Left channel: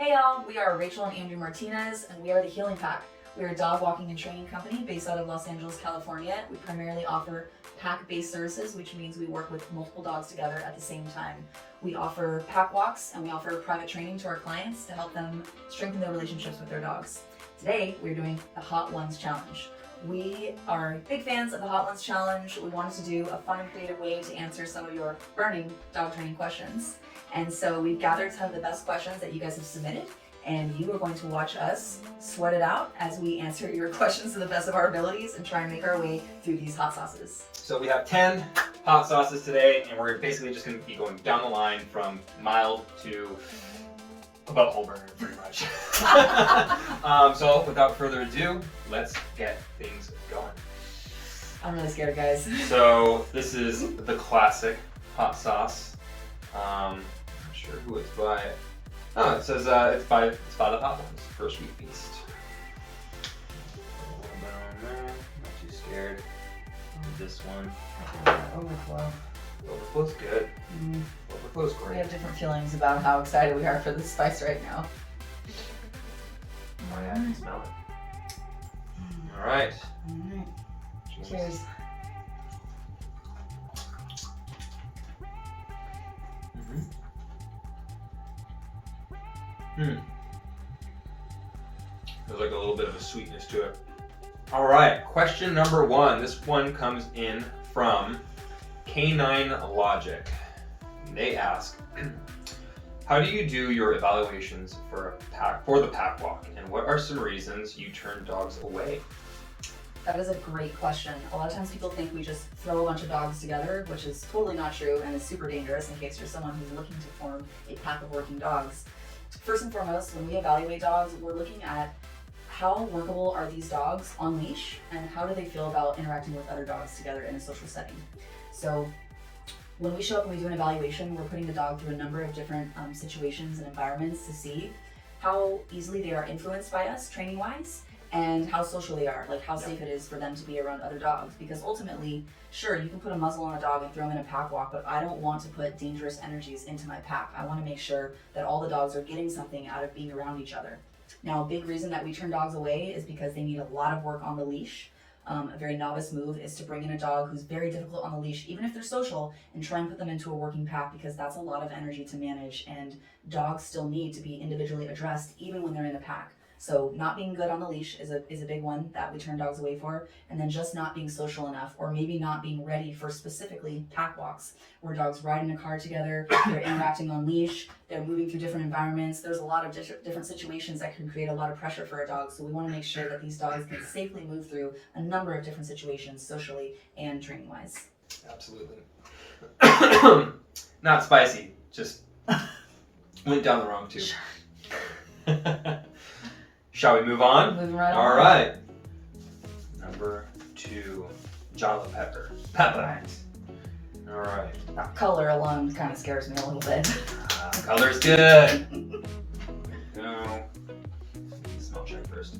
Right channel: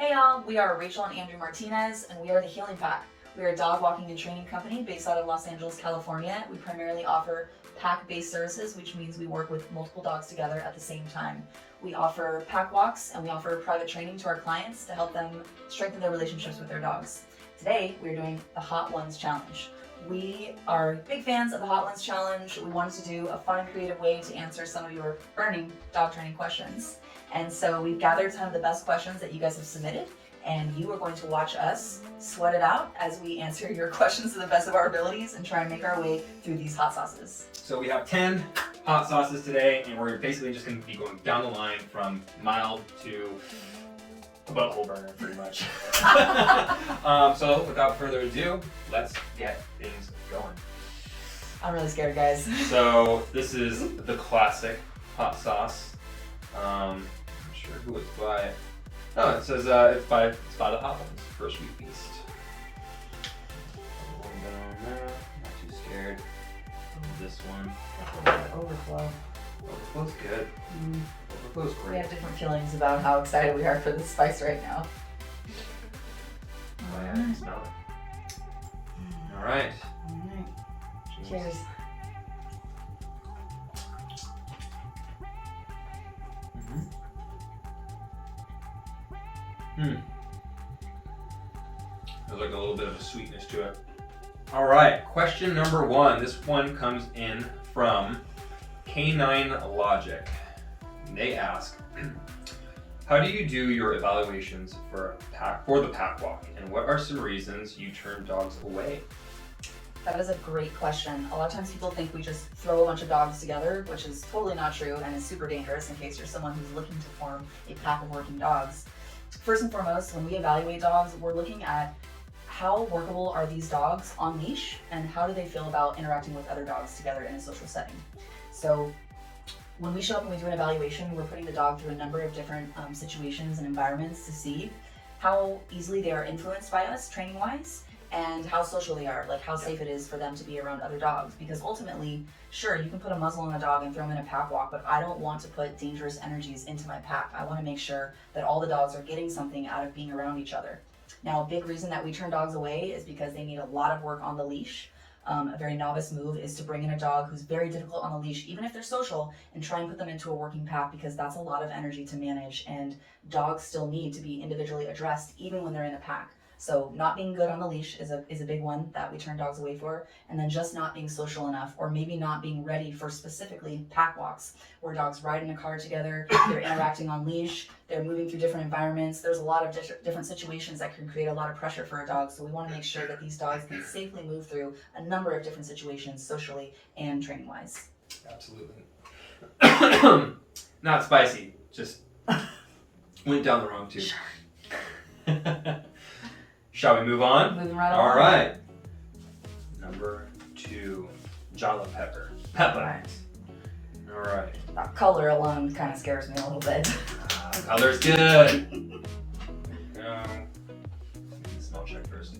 Hey y'all, we are Rachel and Andrew Martinez, and we are the Healing Pack. We are a dog walking and training company based out of Los Angeles, California. We primarily offer pack-based services, which means we work with multiple dogs together at the same time. We offer pack walks and we offer private training to our clients to help them strengthen their relationships with their dogs. Today, we're doing the Hot Ones Challenge. We are big fans of the Hot Ones Challenge. We wanted to do a fun, creative way to answer some of your burning dog training questions. And so we've gathered some of the best questions that you guys have submitted, and you are going to watch us sweat it out as we answer your questions to the best of our abilities and try and make our way through these hot sauces. So we have 10 hot sauces today, and we're basically just going to be going down the line from mild to about a whole burger, pretty much. So without further ado, let's get things going. I'm really scared, guys. So this is the classic hot sauce. I'm not sure who it's by. Oh, it says it's by the Hot Ones, First Week Feast. A little bit on there. Not too scared. This one. Overflow. Overflow's good. Overflow's We great. have different feelings about how excited we are for this spice right now. Oh yeah, I can smell it. All right. Alright. Cheers. There's like a little bit of a sweetness to it. All right, question number 1. This one comes in from Canine Logic. They ask, how do you do your evaluations for the pack walk, and what are some reasons you turn dogs away? That is a great question. A lot of times people think we just throw a bunch of dogs together, which is totally not true and is super dangerous in case you're someone who's looking to form a pack of working dogs. First and foremost, when we evaluate dogs, we're looking at how workable are these dogs on leash and how do they feel about interacting with other dogs together in a social setting. So when we show up and we do an evaluation, we're putting the dog through a number of different situations and environments to see how easily they are influenced by us training-wise, and how social they are, like how safe it is for them to be around other dogs. Because ultimately, sure, you can put a muzzle on a dog and throw them in a pack walk, but I don't want to put dangerous energies into my pack. I want to make sure that all the dogs are getting something out of being around each other. Now, a big reason that we turn dogs away is because they need a lot of work on the leash. A very novice move is to bring in a dog who's very difficult on the leash, even if they're social, and try and put them into a working pack, because that's a lot of energy to manage, and dogs still need to be individually addressed even when they're in the pack. So not being good on the leash is a big one that we turn dogs away for, and then just not being social enough, or maybe not being ready for specifically pack walks, where dogs ride in a car together, they're interacting on leash, they're moving through different environments. There's a lot of different situations that can create a lot of pressure for a dog, so we want to make sure that these dogs can safely move through a number of different situations socially and training-wise. Absolutely. Not spicy, just went down the wrong tube. Shall we move on? Moving right All on. right. Number 2, Jala Pepper. Pepper. All right. That color alone kind of scares me a little bit. Color's good. Go. Smell check first.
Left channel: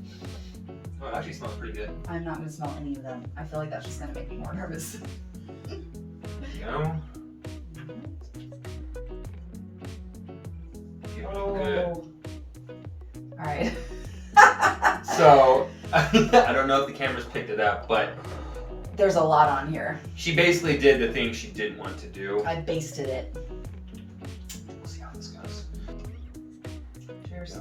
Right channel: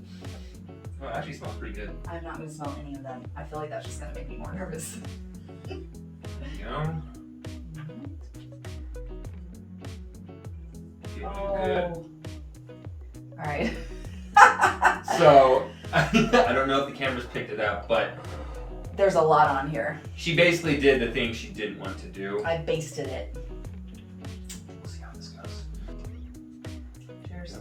Oh, it actually smells pretty good. I'm not going to smell any of them. I feel like that's just going to make me more nervous. There you go. Feeling good. All right. So, I don't know if the cameras picked it up, but There's a lot on here. she basically did the thing she didn't want to do. I basted it. We'll see how this goes. Cheers.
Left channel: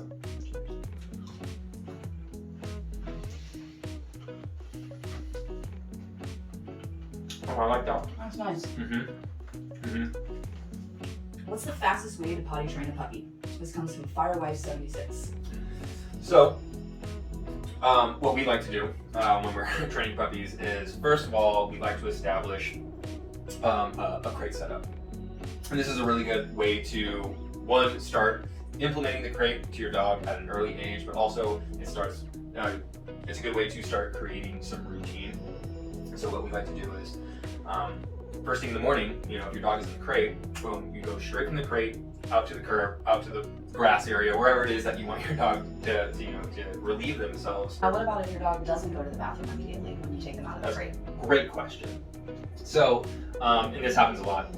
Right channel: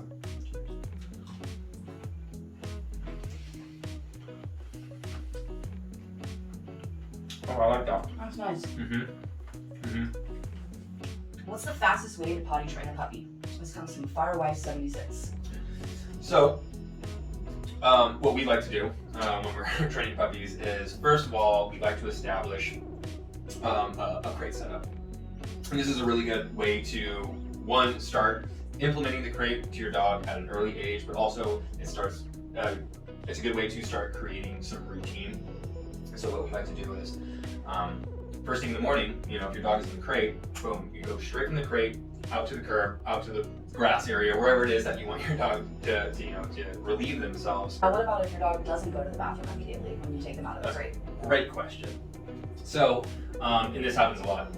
Oh, I like that. That's nice. What's the fastest way to potty train a puppy? This comes from Firewife76. So, what we like to do when we're training puppies is, first of all, we like to establish a crate setup. And this is a really good way to, one, start implementing the crate to your dog at an early age, but also it's a good way to start creating some routine. So what we like to do is first thing in the morning, you know, if your dog is in the crate, boom, you go straight from the crate out to the curb, out to the grass area, wherever it is that you want your dog to relieve themselves. Now, what about if your dog doesn't go to the bathroom immediately when you take them out of the crate? Great question. So, and this happens a lot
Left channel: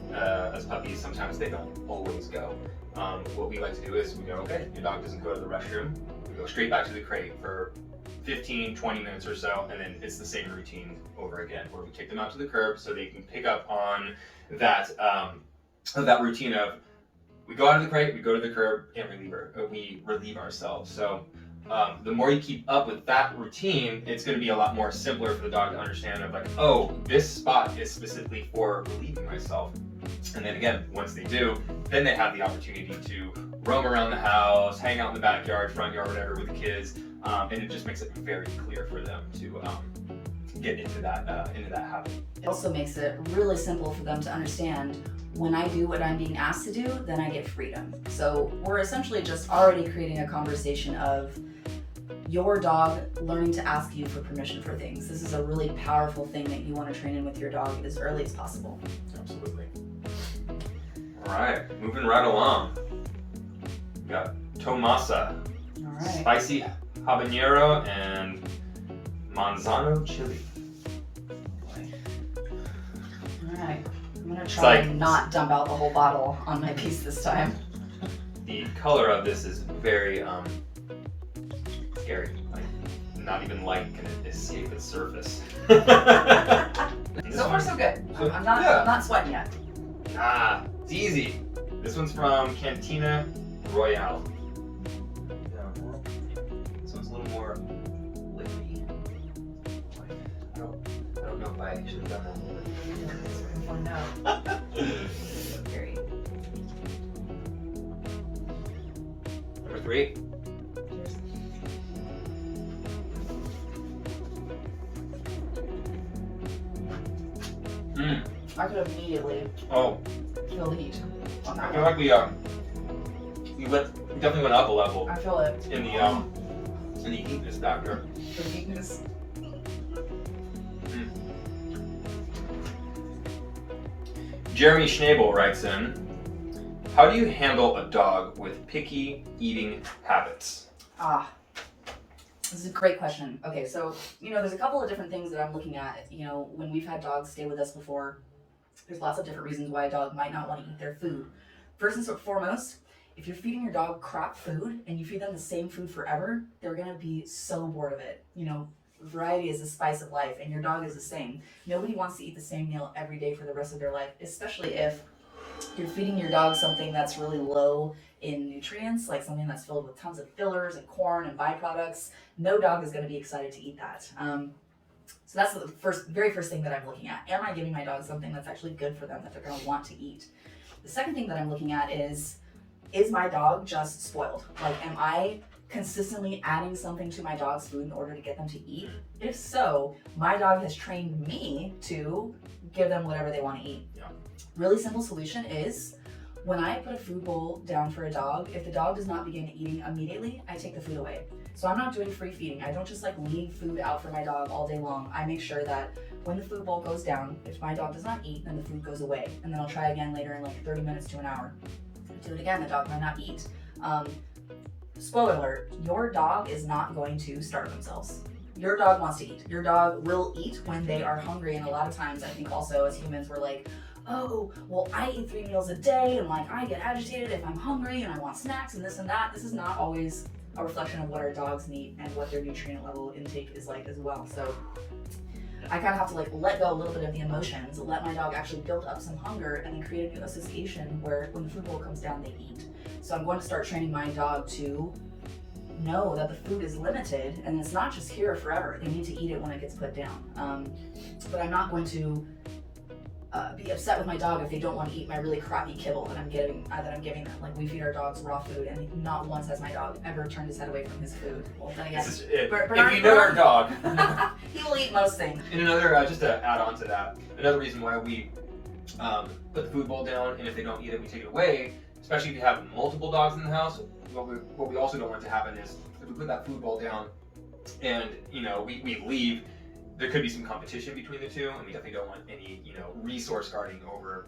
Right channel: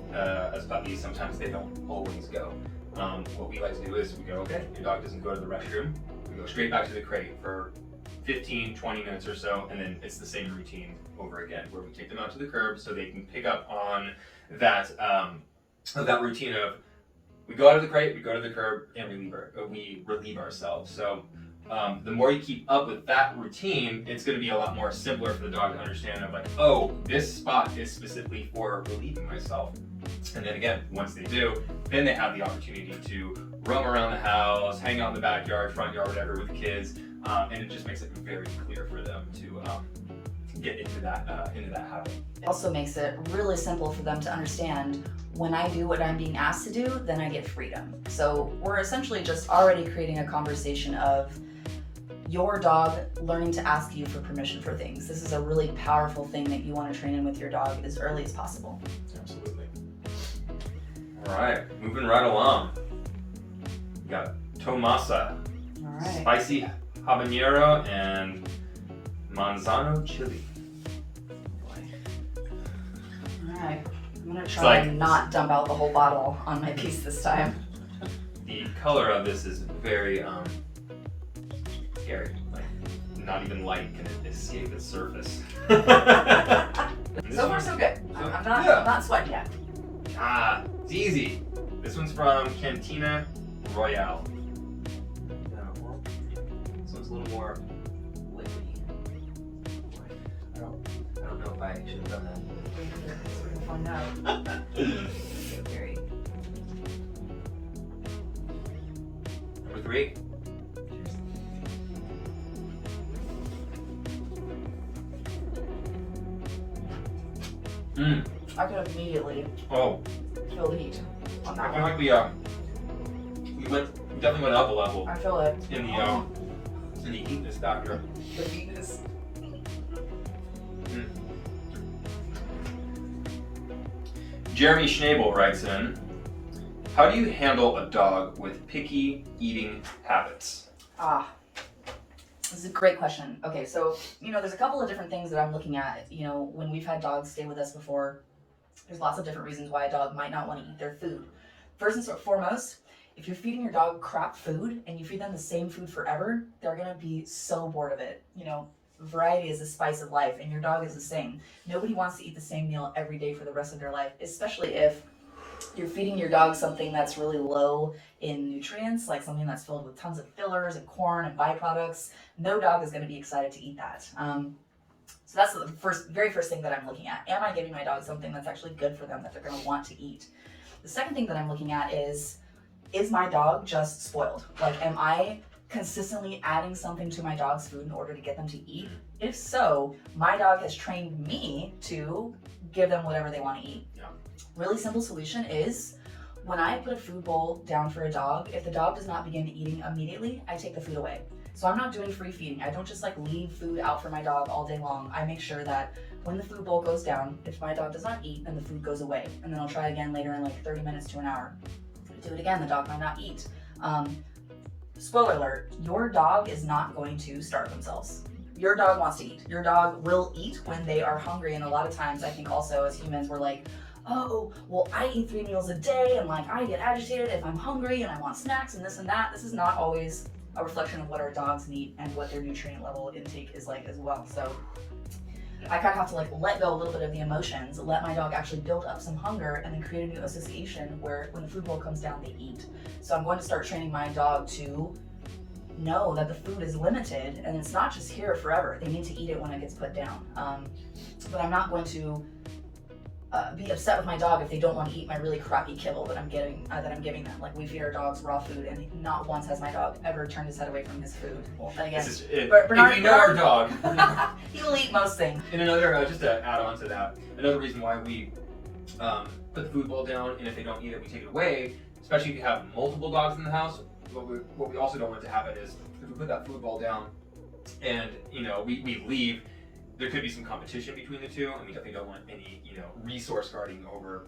as puppies. Sometimes they don't always go. What we like to do is we go, okay, your dog doesn't go to the restroom. We go straight back to the crate for 15, 20 minutes or so, and then it's the same routine over again, where we take them out to the curb so they can pick up on that that routine of we go out of the crate, we go to the curb, and we relieve ourselves. So the more you keep up with that routine, it's going to be a lot more simpler for the dog to understand of like, oh, this spot is specifically for relieving myself. And then again, once they do, then they have the opportunity to roam around the house, hang out in the backyard, front yard, whatever with the kids, and it just makes it very clear for them to get into that habit. It also makes it really simple for them to understand when I do what I'm being asked to do, then I get freedom. So we're essentially just already creating a conversation of your dog learning to ask you for permission for things. This is a really powerful thing that you want to train in with your dog as early as possible. Absolutely. All right, moving right along. We got Tomasa, All right. spicy habanero and manzano chili. All right. I'm gonna try and not dump out the whole bottle on my piece this time. The color of this is very scary. Like not even light can escape its surface. So far, so good. I'm not sweating yet. Ah, it's easy. This one's from Cantina Royale. This one's a little more liquidy. I don't know if I should have done that. Very. Number 3. I could immediately Oh, feel the heat on I that feel one. like we definitely went up a level I feel it. in the heatness factor. The heatness. Jeremy Schnabel writes in, how do you handle a dog with picky eating habits? This is a great question. Okay, so, there's a couple of different things that I'm looking at. When we've had dogs stay with us before, there's lots of different reasons why a dog might not want to eat their food. First and foremost, if you're feeding your dog crap food and you feed them the same food forever, they're going to be so bored of it. Variety is the spice of life, and your dog is the same. Nobody wants to eat the same meal every day for the rest of their life, especially if you're feeding your dog something that's really low in nutrients, like something that's filled with tons of fillers and corn and byproducts. No dog is going to be excited to eat that. So that's the very first thing that I'm looking at. Am I giving my dog something that's actually good for them that they're going to want to eat? The second thing that I'm looking at is my dog just spoiled? Like, am I consistently adding something to my dog's food in order to get them to eat? If so, my dog has trained me to give them whatever they want to eat. Yeah. Really simple solution is when I put a food bowl down for a dog, if the dog does not begin eating immediately, I take the food away. So I'm not doing free feeding. I don't just leave food out for my dog all day long. I make sure that when the food bowl goes down, if my dog does not eat, then the food goes away. And then I'll try again later in 30 minutes to an hour. Do it again, the dog might not eat. Spoiler alert, your dog is not going to starve themselves. Your dog wants to eat. Your dog will eat when they are hungry. And a lot of times I think also as humans we're like, oh, well, I eat 3 meals a day and I get agitated if I'm hungry and I want snacks and this and that. This is not always a reflection of what our dogs need and what their nutrient level intake is like as well. So I kind of have to let go a little bit of the emotions, let my dog actually build up some hunger, and then create a new association where when the food bowl comes down, they eat. So I'm going to start training my dog to know that the food is limited and it's not just here forever. They need to eat it when it gets put down. But I'm not going to be upset with my dog if they don't want to eat my really crappy kibble that I'm giving them. We feed our dogs raw food, and not once has my dog ever turned his head away from his food. Well, then again, if you know our dog, he will eat most things. And another, just to add on to that, another reason why we put the food bowl down, and if they don't eat it, we take it away. Especially if you have multiple dogs in the house, what we also don't want to happen is if we put that food bowl down, and we leave. there could be some competition between the two, and we definitely don't want any, resource guarding over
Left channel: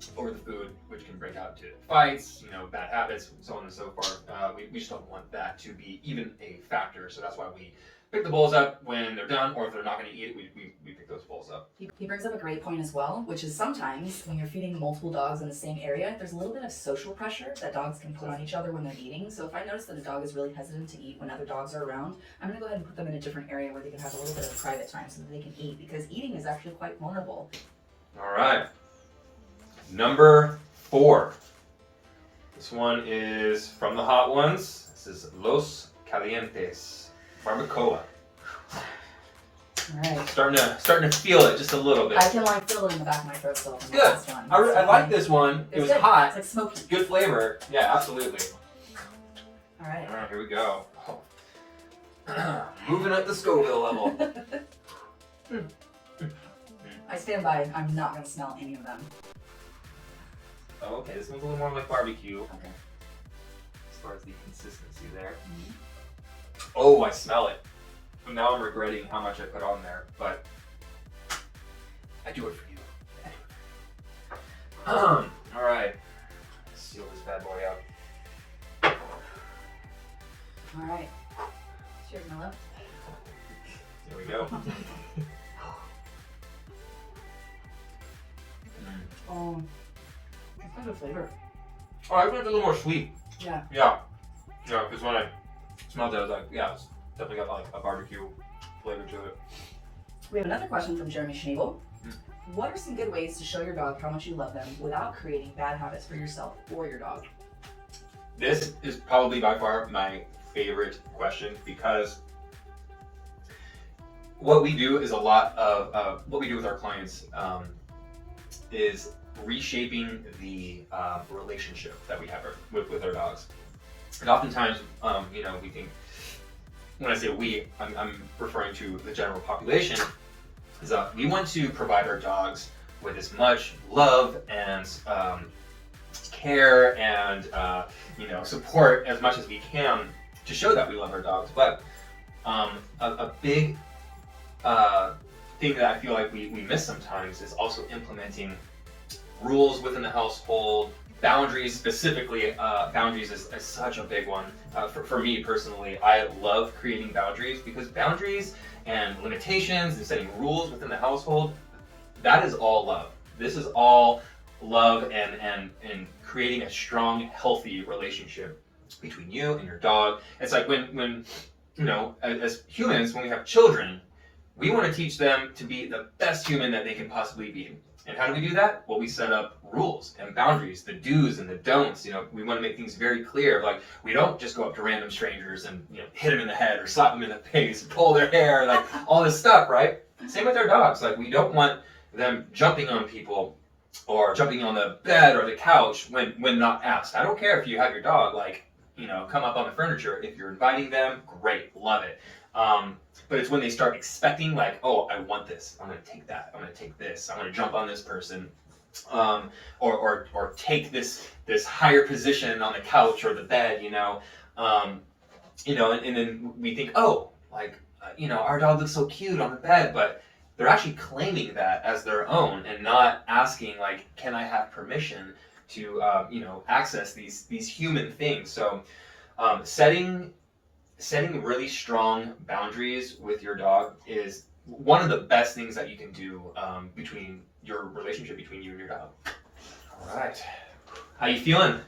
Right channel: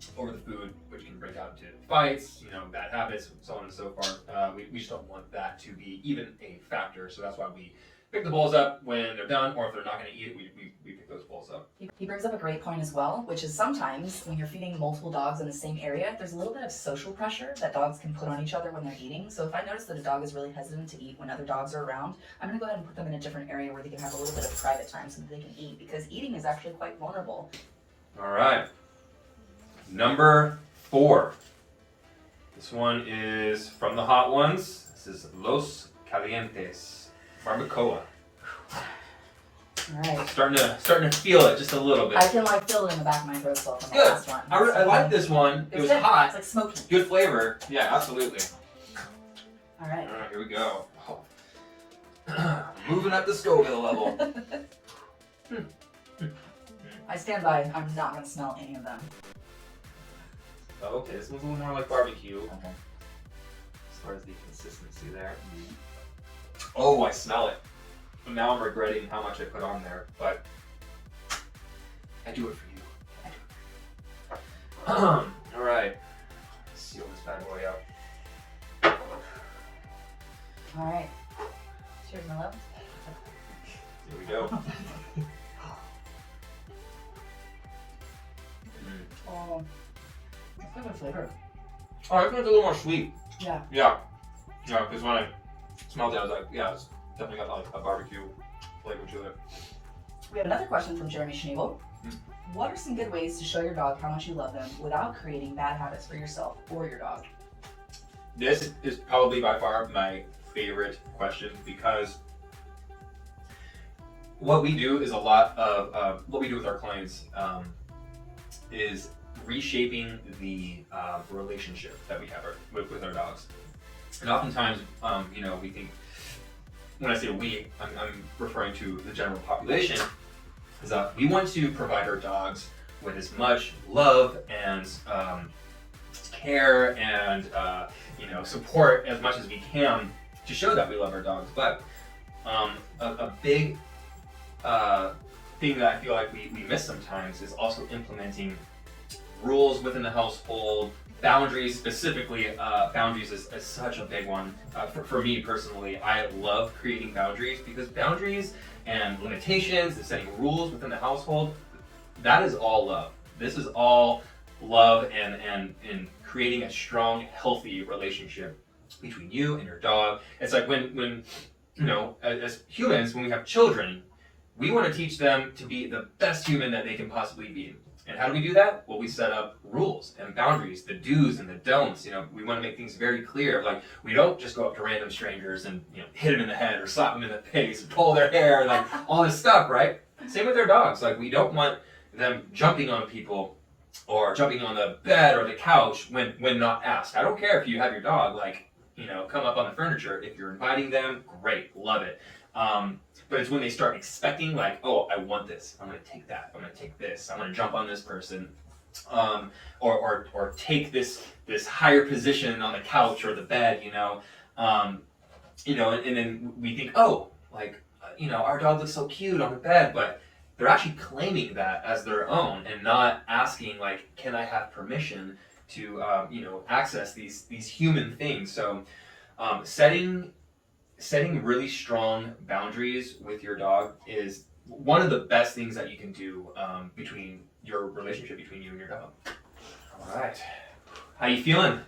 the food, which can break out to fights, bad habits, so on and so forth. We just don't want that to be even a factor. So that's why we pick the bowls up when they're done, or if they're not going to eat it, we pick those bowls up. He brings up a great point as well, which is sometimes when you're feeding multiple dogs in the same area, there's a little bit of social pressure that dogs can put on each other when they're eating. So if I notice that a dog is really hesitant to eat when other dogs are around, I'm going to go ahead and put them in a different area where they can have a little bit of private time so that they can eat, because eating is actually quite vulnerable. All right. Number 4. This one is from the hot ones. This is Los Calientes. Barbacoa. All right. Starting to feel it just a little bit. I can feel it in the back of my throat still from the Good. last one. I like this one. It was good. hot. It's like smoky. Good flavor. Yeah, absolutely. All right. All right, here we go. Moving up the Scoville level. I stand by. I'm not going to smell any of them. Oh, okay, this one's a little more like barbecue. Okay. As far as the consistency there. Oh, I smell it. Now I'm regretting how much I put on there, but I do it for you. All right, let's seal this bad boy up. All right. Cheers, my love. Here we go. Oh, it's good flavor. Oh, I think it's a little more sweet. Yeah. Yeah, because when I smelled it, I was like, yeah, it's definitely got like a barbecue flavor to it. We have another question from Jeremy Schneebel. What are some good ways to show your dog how much you love them without creating bad habits for yourself or your dog? This is probably by far my favorite question, because what we do is a lot of what we do with our clients is reshaping the relationship that we have with our dogs. And oftentimes, we think, when I say we, I'm referring to the general population, is that we want to provide our dogs with as much love and care and support as much as we can to show that we love our dogs. But a big thing that I feel like we miss sometimes is also implementing rules within the household. Boundaries, specifically, boundaries is such a big one. For me personally, I love creating boundaries, because boundaries and limitations and setting rules within the household, that is all love. This is all love and creating a strong, healthy relationship between you and your dog. It's like when as humans, when we have children, we want to teach them to be the best human that they can possibly be. And how do we do that? Well, we set up rules and boundaries, the do's and the don'ts. We want to make things very clear. Like, we don't just go up to random strangers and hit them in the head or slap them in the face, pull their hair, like all this stuff, right? Same with their dogs. Like, we don't want them jumping on people or jumping on the bed or the couch when not asked. I don't care if you have your dog come up on the furniture. If you're inviting them, great, love it. But it's when they start expecting, like, oh, I want this, I'm going to take that, I'm going to take this, I'm going to jump on this person, or take this higher position on the couch or the bed, and then we think, oh, our dog looks so cute on the bed, but they're actually claiming that as their own and not asking, like, can I have permission to, access these human things? So, setting really strong boundaries with your dog is one of the best things that you can do between your relationship between you and your dog. All right. How you feeling?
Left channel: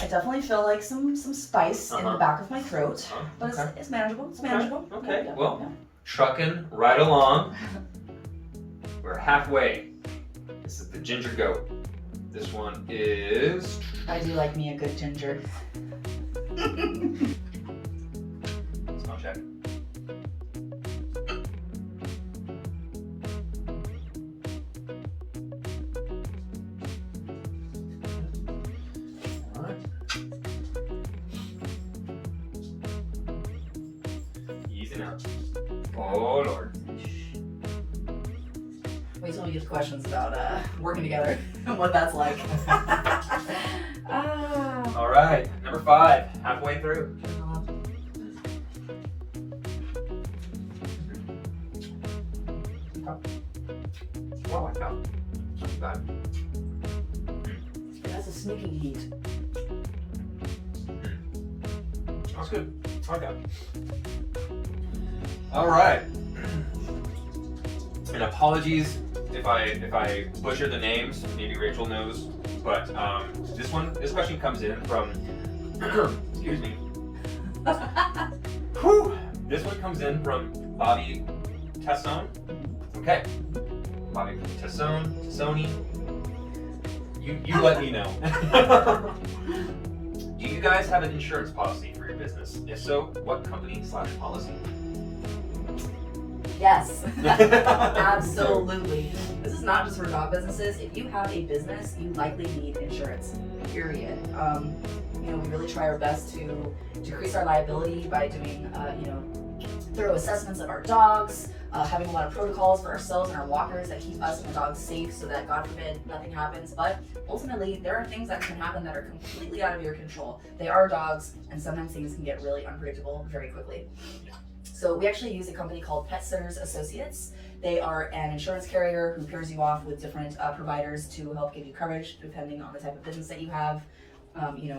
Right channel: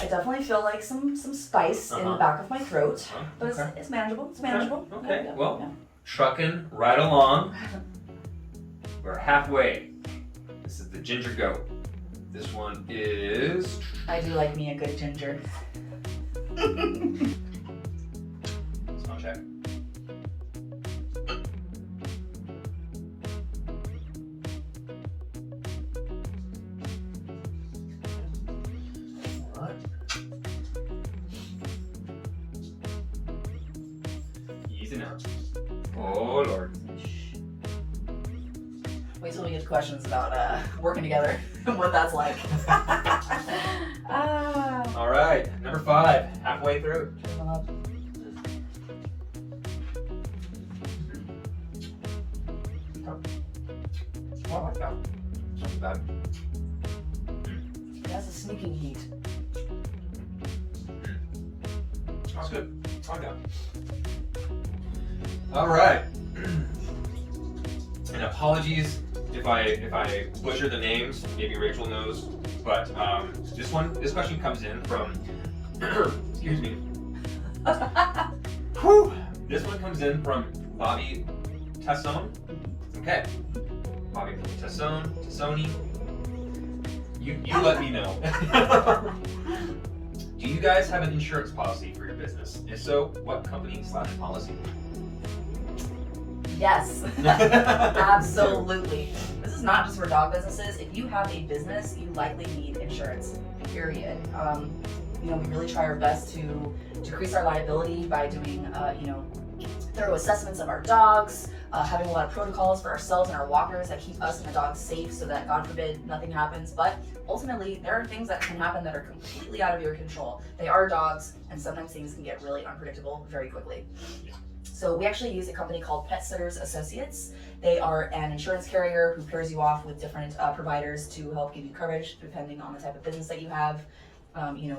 I definitely feel like some spice in the back of my throat, but okay. it's manageable. It's manageable. Okay. Well, trucking right along. We're halfway. This is the ginger goat. This one is... I do like me a good ginger. Smell check. All right. Easy now. Oh, Lord. Wait till we get to questions about working together, what that's like. All right, number 5, halfway through. bad. That's a sneaking heat. That's good. Okay. All right. And apologies if I butcher the names. Maybe Rachel knows, but this question comes in from. Excuse me. Whew. This one comes in from Bobby Tessone. Okay. Bobby Tessone. You let me know. Do you guys have an insurance policy for your business? If so, what company/policy? Yes, absolutely. This is not just for dog businesses. If you have a business, you likely need insurance, period. We really try our best to decrease our liability by doing, thorough assessments of our dogs, having a lot of protocols for ourselves and our walkers that keep us and the dogs safe so that, God forbid, nothing happens. But ultimately, there are things that can happen that are completely out of your control. They are dogs, and sometimes things can get really unpredictable very quickly. So we actually use a company called Pet Sitters Associates. They are an insurance carrier who pairs you off with different providers to help give you coverage depending on the type of business that you have.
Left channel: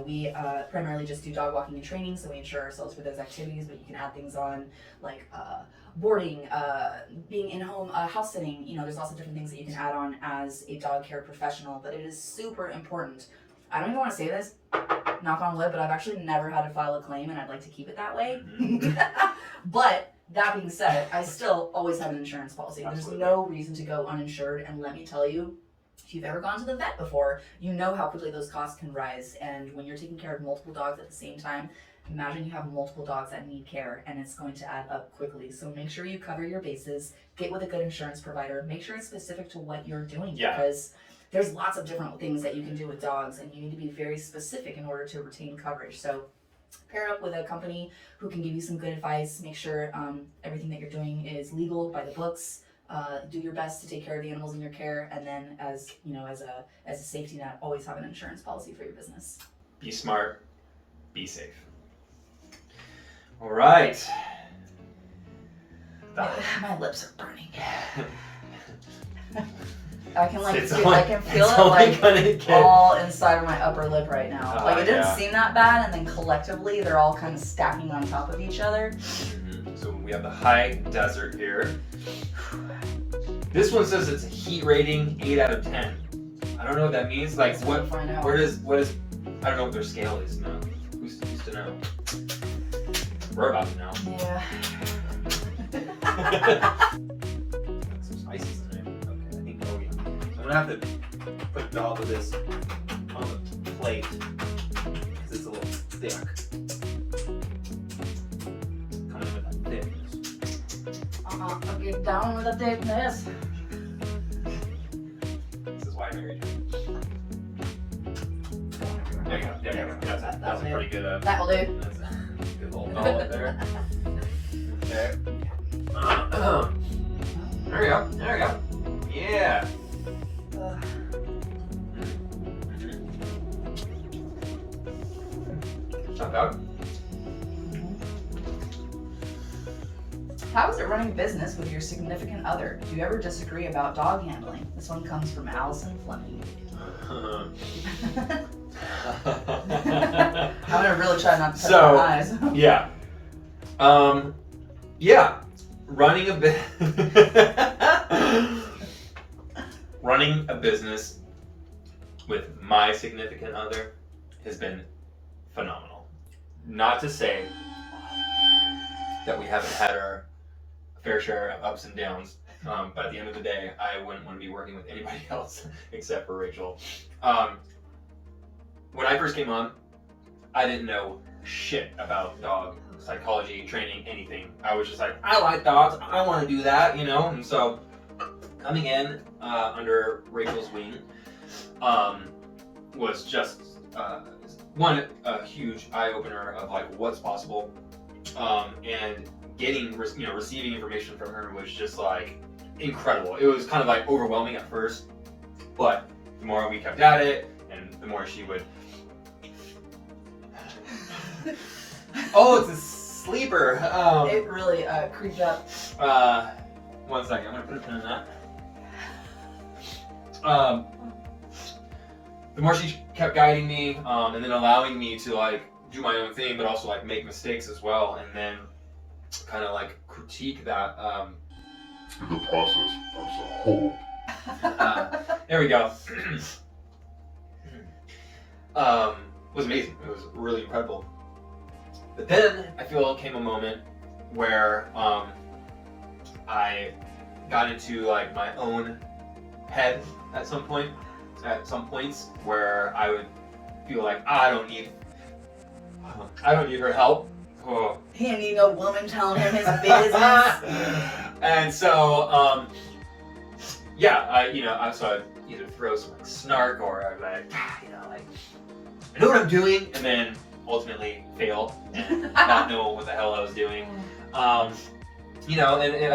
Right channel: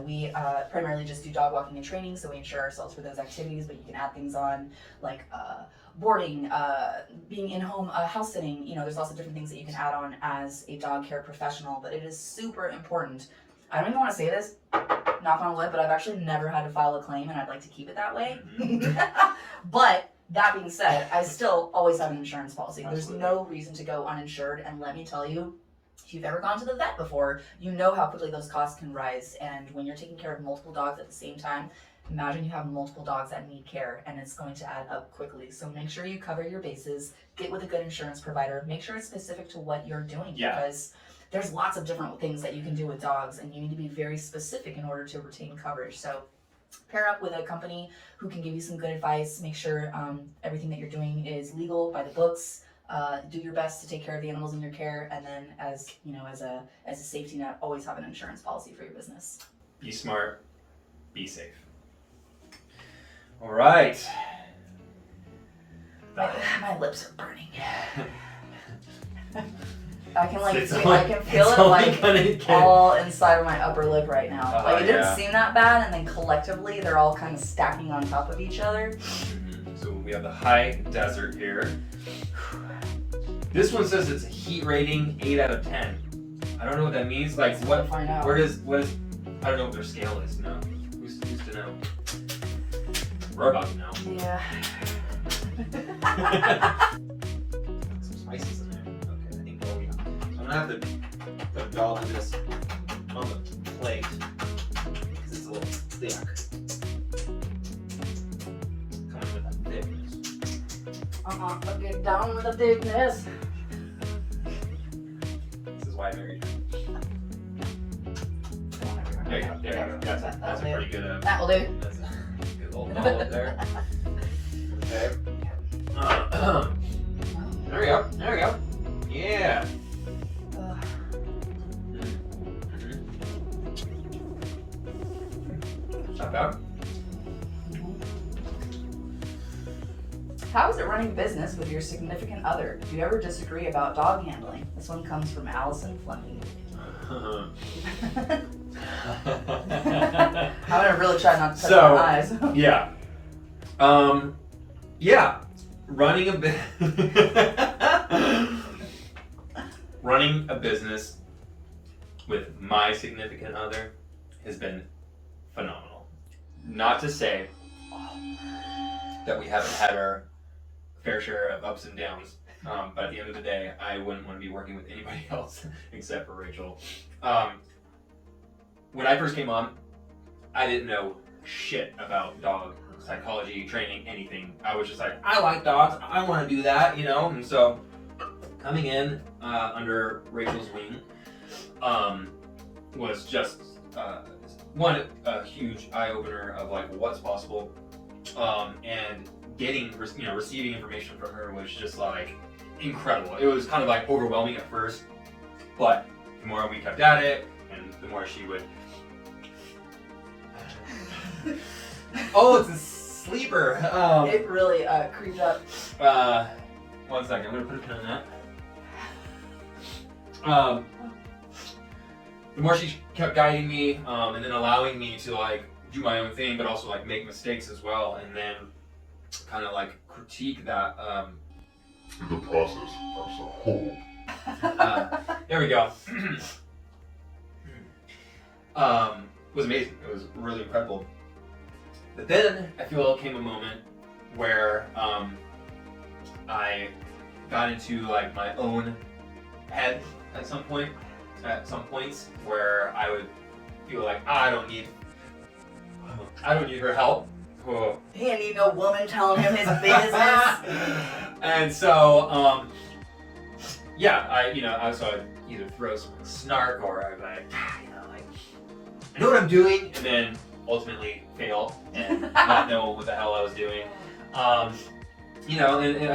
We primarily just do dog walking and training, so we insure ourselves for those activities, but you can add things on like boarding, being in-home house sitting. There's lots of different things that you can add on as a dog care professional, but it is super important. I don't even want to say this, knock on wood, but I've actually never had to file a claim, and I'd like to keep it that way. But that being said, I still always have an insurance policy. Absolutely. There's no reason to go uninsured, and let me tell you, if you've ever gone to the vet before, you know how quickly those costs can rise. And when you're taking care of multiple dogs at the same time, imagine you have multiple dogs that need care, and it's going to add up quickly. So make sure you cover your bases, get with a good insurance provider, make sure it's specific to what you're doing, because there's lots of different things that you can do with dogs, and you need to be very specific in order to retain coverage. So pair up with a company who can give you some good advice, make sure everything that you're doing is legal by the books. Do your best to take care of the animals in your care, and then as a safety net, always have an insurance policy for your business. Be smart, be safe. All right. My lips are burning. I can feel it all inside of my upper lip right now. It didn't seem that bad, and then collectively they're all kind of stacking on top of each other. Mm-hmm. So we have the high desert here. This one says it's a heat rating 8 out of 10. I don't know what that means. Like what? Find out. What is? I don't know what their scale is now. Who's to know? We're about to know. Yeah. Some spices in there. Okay, I think that'll be. I'm gonna have to put a doll of this on the plate. This is a little thick. Kind of that thickness. Get down with the thickness. This is why I married you. There you go. That's a pretty good. That will do. That's a good little doll up there. Okay. There we go. Yeah. Not bad. How is it running business with your significant other? Do you ever disagree about dog handling? This one comes from Allison Fleming. I'm gonna really try not to touch my eyes. Running a business with my significant other has been phenomenal. Not to say that we haven't had our fair share of ups and downs, but at the end of the day, I wouldn't want to be working with anybody else except for Rachel. When I first came on, I didn't know shit about dog psychology, training, anything. I was just like, I like dogs, I want to do that, And so coming in under Rachel's wing was just a huge eye-opener of like what's possible, and receiving information from her was just like incredible. It was kind of like overwhelming at first, but the more we kept at it, and the more she would. Oh, it's a sleeper. It really creeped up. 1 second. I'm gonna put a pin in that. the more she kept guiding me, and then allowing me to like do my own thing, but also like make mistakes as well, and then kind of like critique that. The process as a whole. There we go. Was amazing. It was really incredible. But then I feel it came a moment where I got into like my own head at some points where I would feel like I don't need her help. Oh. He didn't need no woman telling him his business. And so yeah, I would either throw some like snark, or I'd be like, like I know what I'm doing, and then ultimately fail and not know what the hell I was doing. And I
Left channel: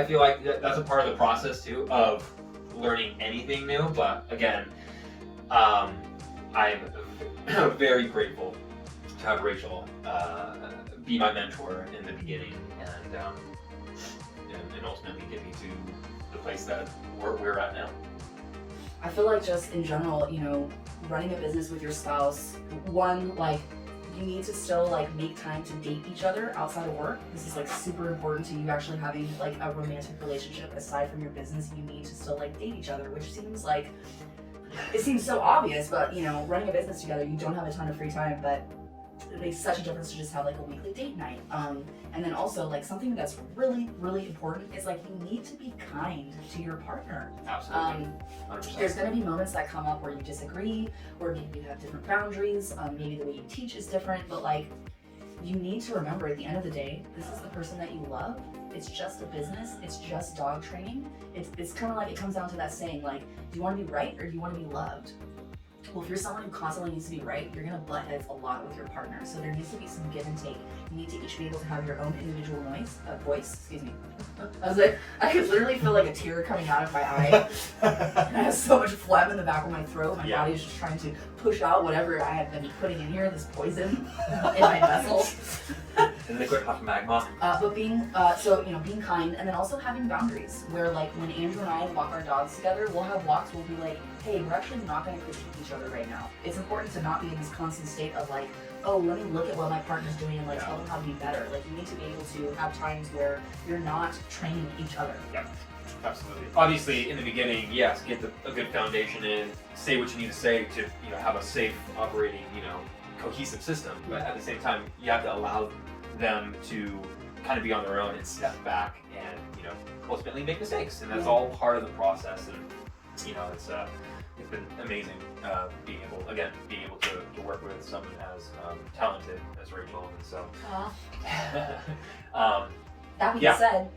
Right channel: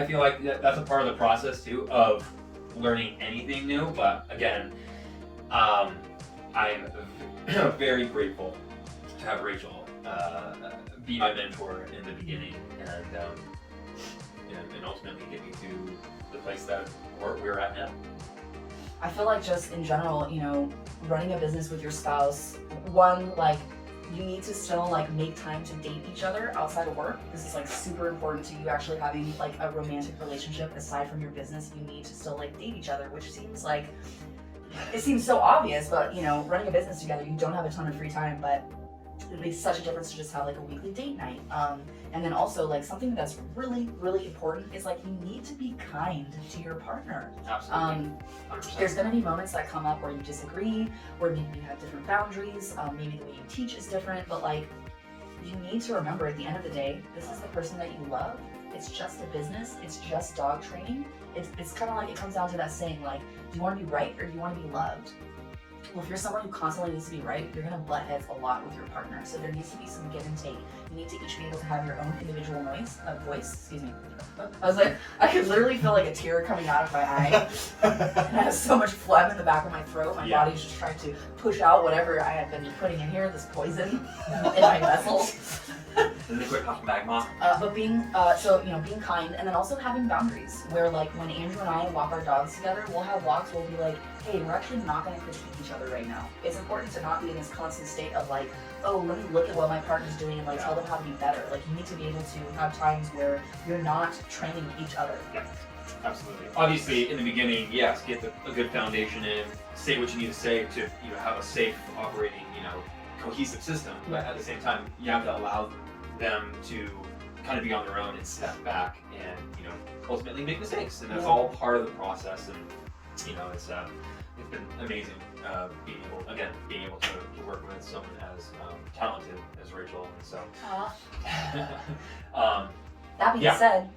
feel like that's a part of the process too of learning anything new. But again, I'm very grateful to have Rachel be my mentor in the beginning, and ultimately get me to the place that we're at now. I feel like just in general, running a business with your spouse, one, like, you need to still like make time to date each other outside of work. This is like super important to you actually having like a romantic relationship aside from your business. You need to still like date each other, which seems so obvious, but running a business together, you don't have a ton of free time, but it makes such a difference to just have like a weekly date night. And then also like something that's really, really important is like you need to be kind to your partner. Absolutely. 100%. There's going to be moments that come up where you disagree, or maybe you have different boundaries, maybe the way you teach is different, but like you need to remember at the end of the day, this is the person that you love. It's just a business. It's just dog training. It's kind of like, it comes down to that saying, like, do you want to be right or do you want to be loved? Well, if you're someone who constantly needs to be right, you're going to butt heads a lot with your partner. So there needs to be some give and take. You need to each be able to have your own individual voice. Excuse me. I was like, I could literally feel like a tear coming out of my eye. And I have so much phlegm in the back of my throat. My body's just trying to push out whatever I had been putting in here, this poison in my vessel. And liquid hot magma. But being kind, and then also having boundaries where like when Andrew and I walk our dogs together, we'll have walks where we'll be like, hey, we're actually not going to critique each other right now. It's important to not be in this constant state of like, oh, let me look at what my partner's doing and like tell them how to be better. Like you need to be able to have times where you're not training each other. Yeah, absolutely. Obviously, in the beginning, yes, get a good foundation in, say what you need to say to have a safe operating, cohesive system. But at the same time, you have to allow them to kind of be on their own and step back and ultimately make mistakes, and that's all part of the process. And it's been amazing being able to work with someone as talented as Rachel. So that being said,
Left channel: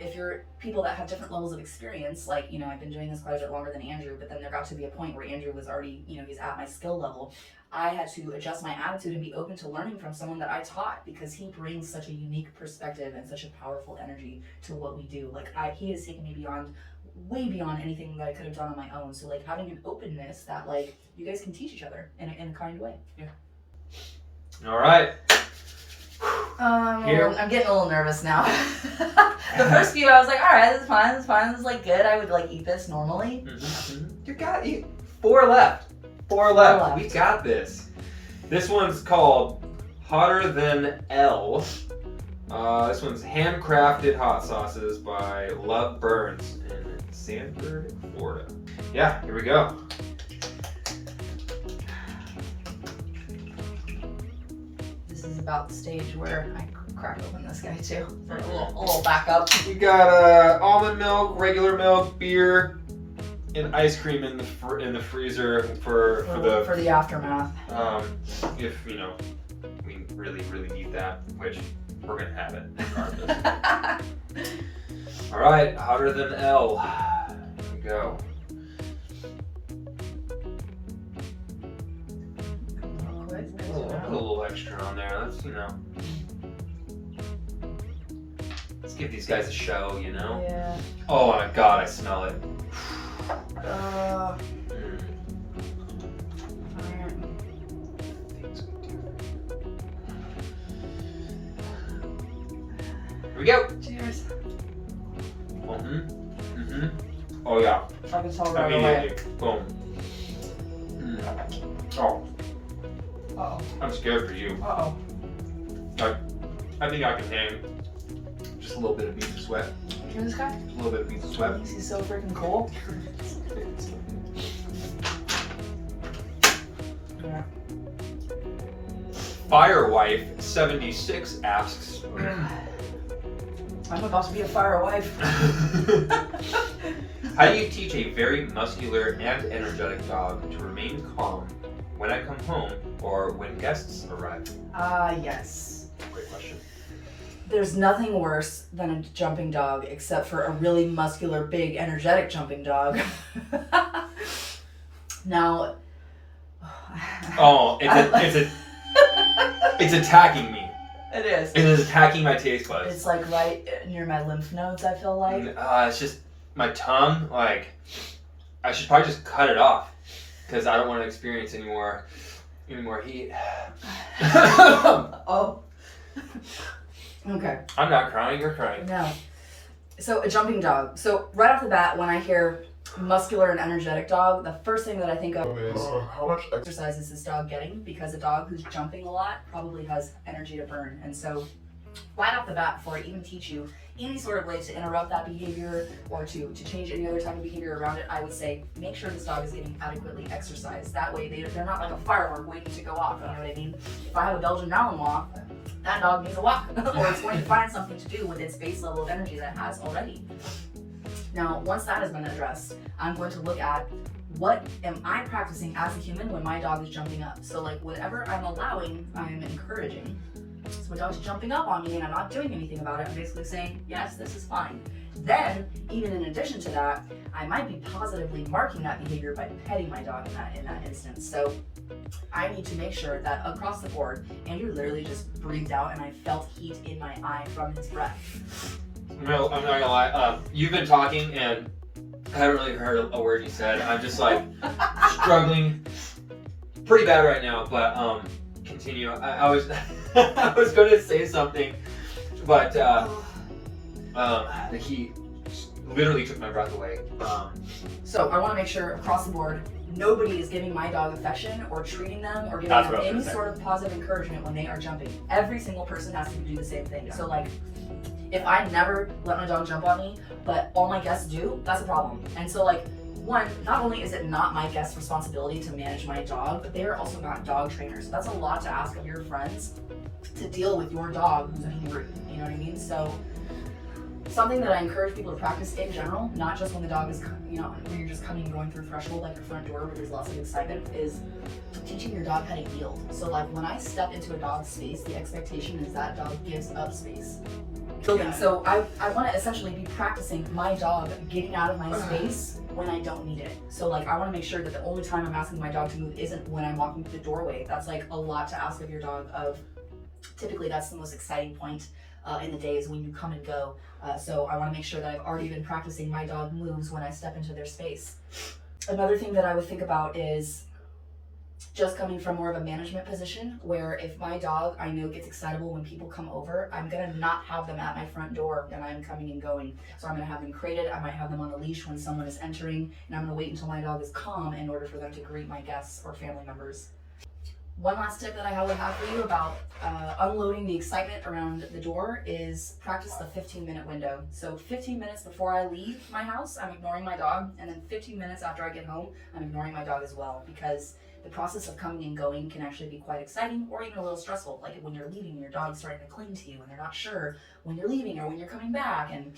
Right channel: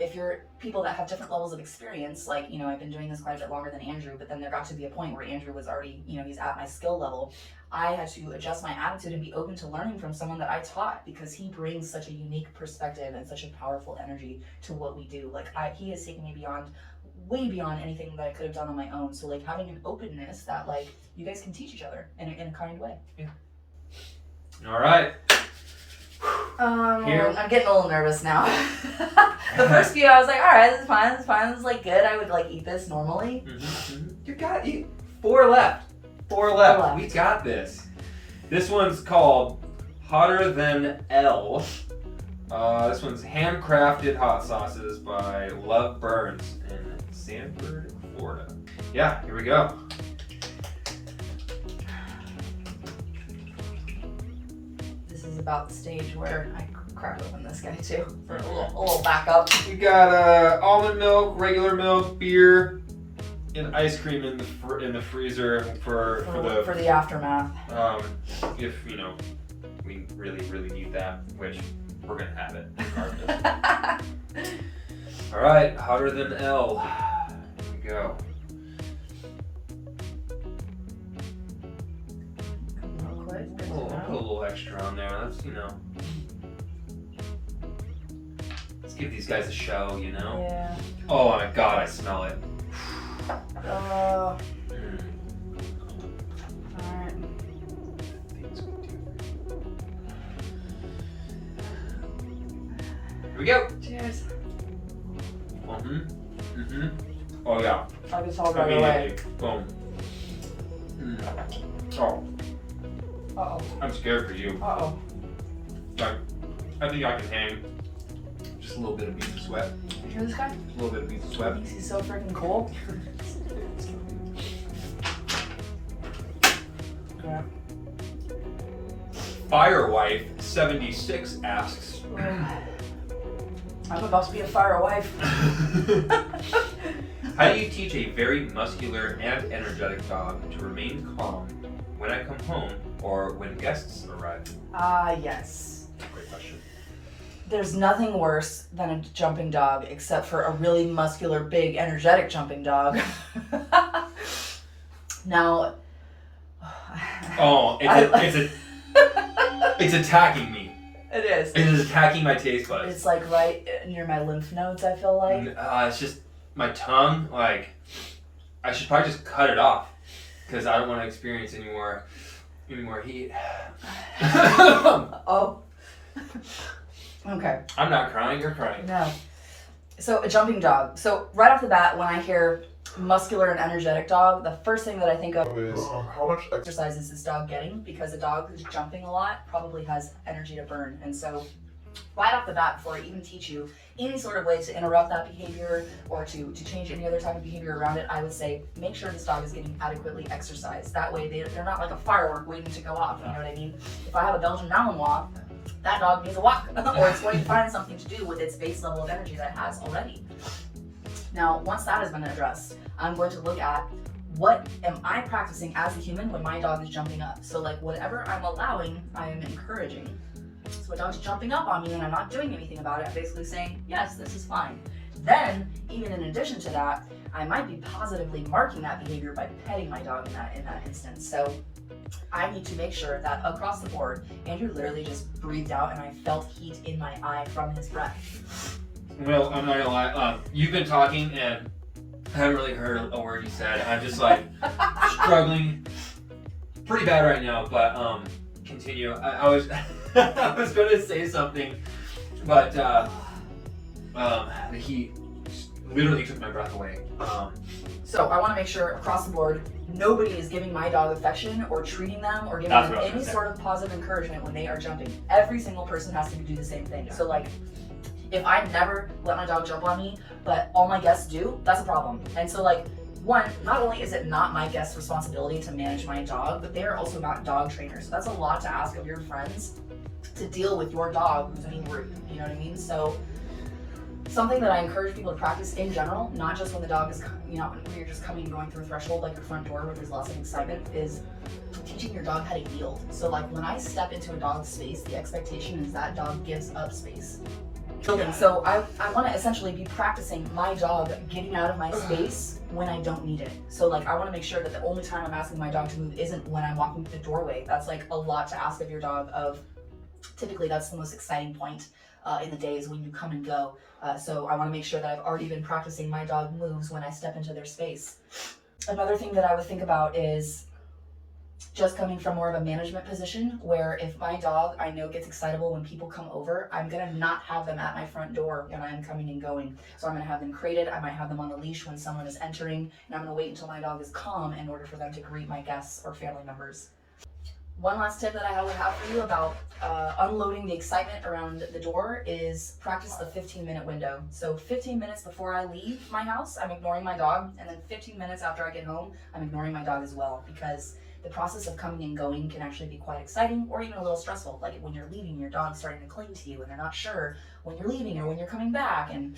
if you're people that have different levels of experience, like I've been doing this quite a bit longer than Andrew, but then there got to be a point where Andrew was already he's at my skill level. I had to adjust my attitude and be open to learning from someone that I taught, because he brings such a unique perspective and such a powerful energy to what we do. Like he has taken me way beyond anything that I could have done on my own. So like having an openness that like you guys can teach each other in a kind way. Yeah. All right. Here. I'm getting a little nervous now. The first few I was like, all right, this is fine, this is like good. I would like eat this normally. You got it. Four left. We got this. This one's called Hotter Than L. This one's handcrafted hot sauces by Love Burns in Sanford, Florida. Yeah, here we go. This is about the stage where I crack open this guy too for a little backup. We got almond milk, regular milk, beer, and ice cream in the freezer for the aftermath. If we really need that, which we're gonna have it regardless. All right, Hotter Than L. Here we go. Put a little extra on there. Let's give these guys a show, Yeah. Oh my God, I smell it. Here we go. Cheers. Oh yeah. I can tell right Immediately. away. Boom. Oh, Uh-oh. I'm scared for you. Uh-oh. Like, I think I can hang just a little bit of beads of sweat. You hear this guy? A little bit of beads of sweat. Thinks he's so freaking cool. Yeah. Firewife76 asks, I'm about to be a fire wife. how do you teach a very muscular and energetic dog to remain calm when I come home or when guests arrive? Yes. Great question. There's nothing worse than a jumping dog except for a really muscular, big, energetic jumping dog. Now, Oh, it's attacking me. It is. It is attacking my taste buds. It's like right near my lymph nodes, I feel like. It's just my tongue. Like, I should probably just cut it off because I don't want to experience any more heat. Oh. Okay. I'm not crying. You're crying. No. So a jumping dog. So right off the bat, when I hear muscular and energetic dog, the first thing that I think of is How much exercise is this dog getting? Because a dog who's jumping a lot probably has energy to burn. And so right off the bat, before I even teach you any sort of way to interrupt that behavior or to change any other type of behavior around it, I would say make sure this dog is getting adequately exercised. That way they're not like a firework waiting to go off, you know what I mean? If I have a Belgian Malinois, that dog needs a walk or it's going to find something to do with its base level of energy that it has already. Now, once that has been addressed, I'm going to look at what am I practicing as a human when my dog is jumping up. So like whatever I'm allowing, I am encouraging. So my dog's jumping up on me and I'm not doing anything about it. I'm basically saying, yes, this is fine. Then, even in addition to that, I might be positively marking that behavior by petting my dog in that instance. So I need to make sure that across the board, Andrew literally just breathed out and I felt heat in my eye from his breath. No, I'm not gonna lie. You've been talking and I haven't really heard a word you said. I'm just like struggling pretty bad right now, but continue. I was I was gonna say something, but the heat literally took my breath away. So I want to make sure across the board, nobody is giving my dog affection or treating them or giving them any sort of positive encouragement when they are jumping. Every single person has to do the same thing. Yeah. So like, if I never let my dog jump on me, but all my guests do, that's a problem. And so like, one, not only is it not my guest's responsibility to manage my dog, but they're also not dog trainers. So that's a lot to ask of your friends to deal with your dog who's being rude. You know what I mean? So something that I encourage people to practice in general, not just when the dog is, when you're just coming and going through a threshold like your front door where there's lots of excitement, is teaching your dog how to yield. So like when I step into a dog's space, the expectation is that dog gives up space. Yeah. So I want to essentially be practicing my dog getting out of my space when I don't need it. So like I want to make sure that the only time I'm asking my dog to move isn't when I'm walking through the doorway. That's like a lot to ask of your dog. Typically that's the most exciting point in the day is when you come and go. So I want to make sure that I've already been practicing my dog moves when I step into their space. Another thing that I would think about is just coming from more of a management position where if my dog I know gets excitable when people come over, I'm gonna not have them at my front door when I'm coming and going. So I'm gonna have them crated, I might have them on the leash when someone is entering, and I'm gonna wait until my dog is calm in order for them to greet my guests or family members. One last tip that I would have for you about unloading the excitement around the door is practice the 15-minute window. So 15 minutes before I leave my house, I'm ignoring my dog, and then 15 minutes after I get home, I'm ignoring my dog as well, because the process of coming and going can actually be quite exciting or even a little stressful. Like when you're leaving, your dog's starting to cling to you and they're not sure when you're leaving or when you're coming back. And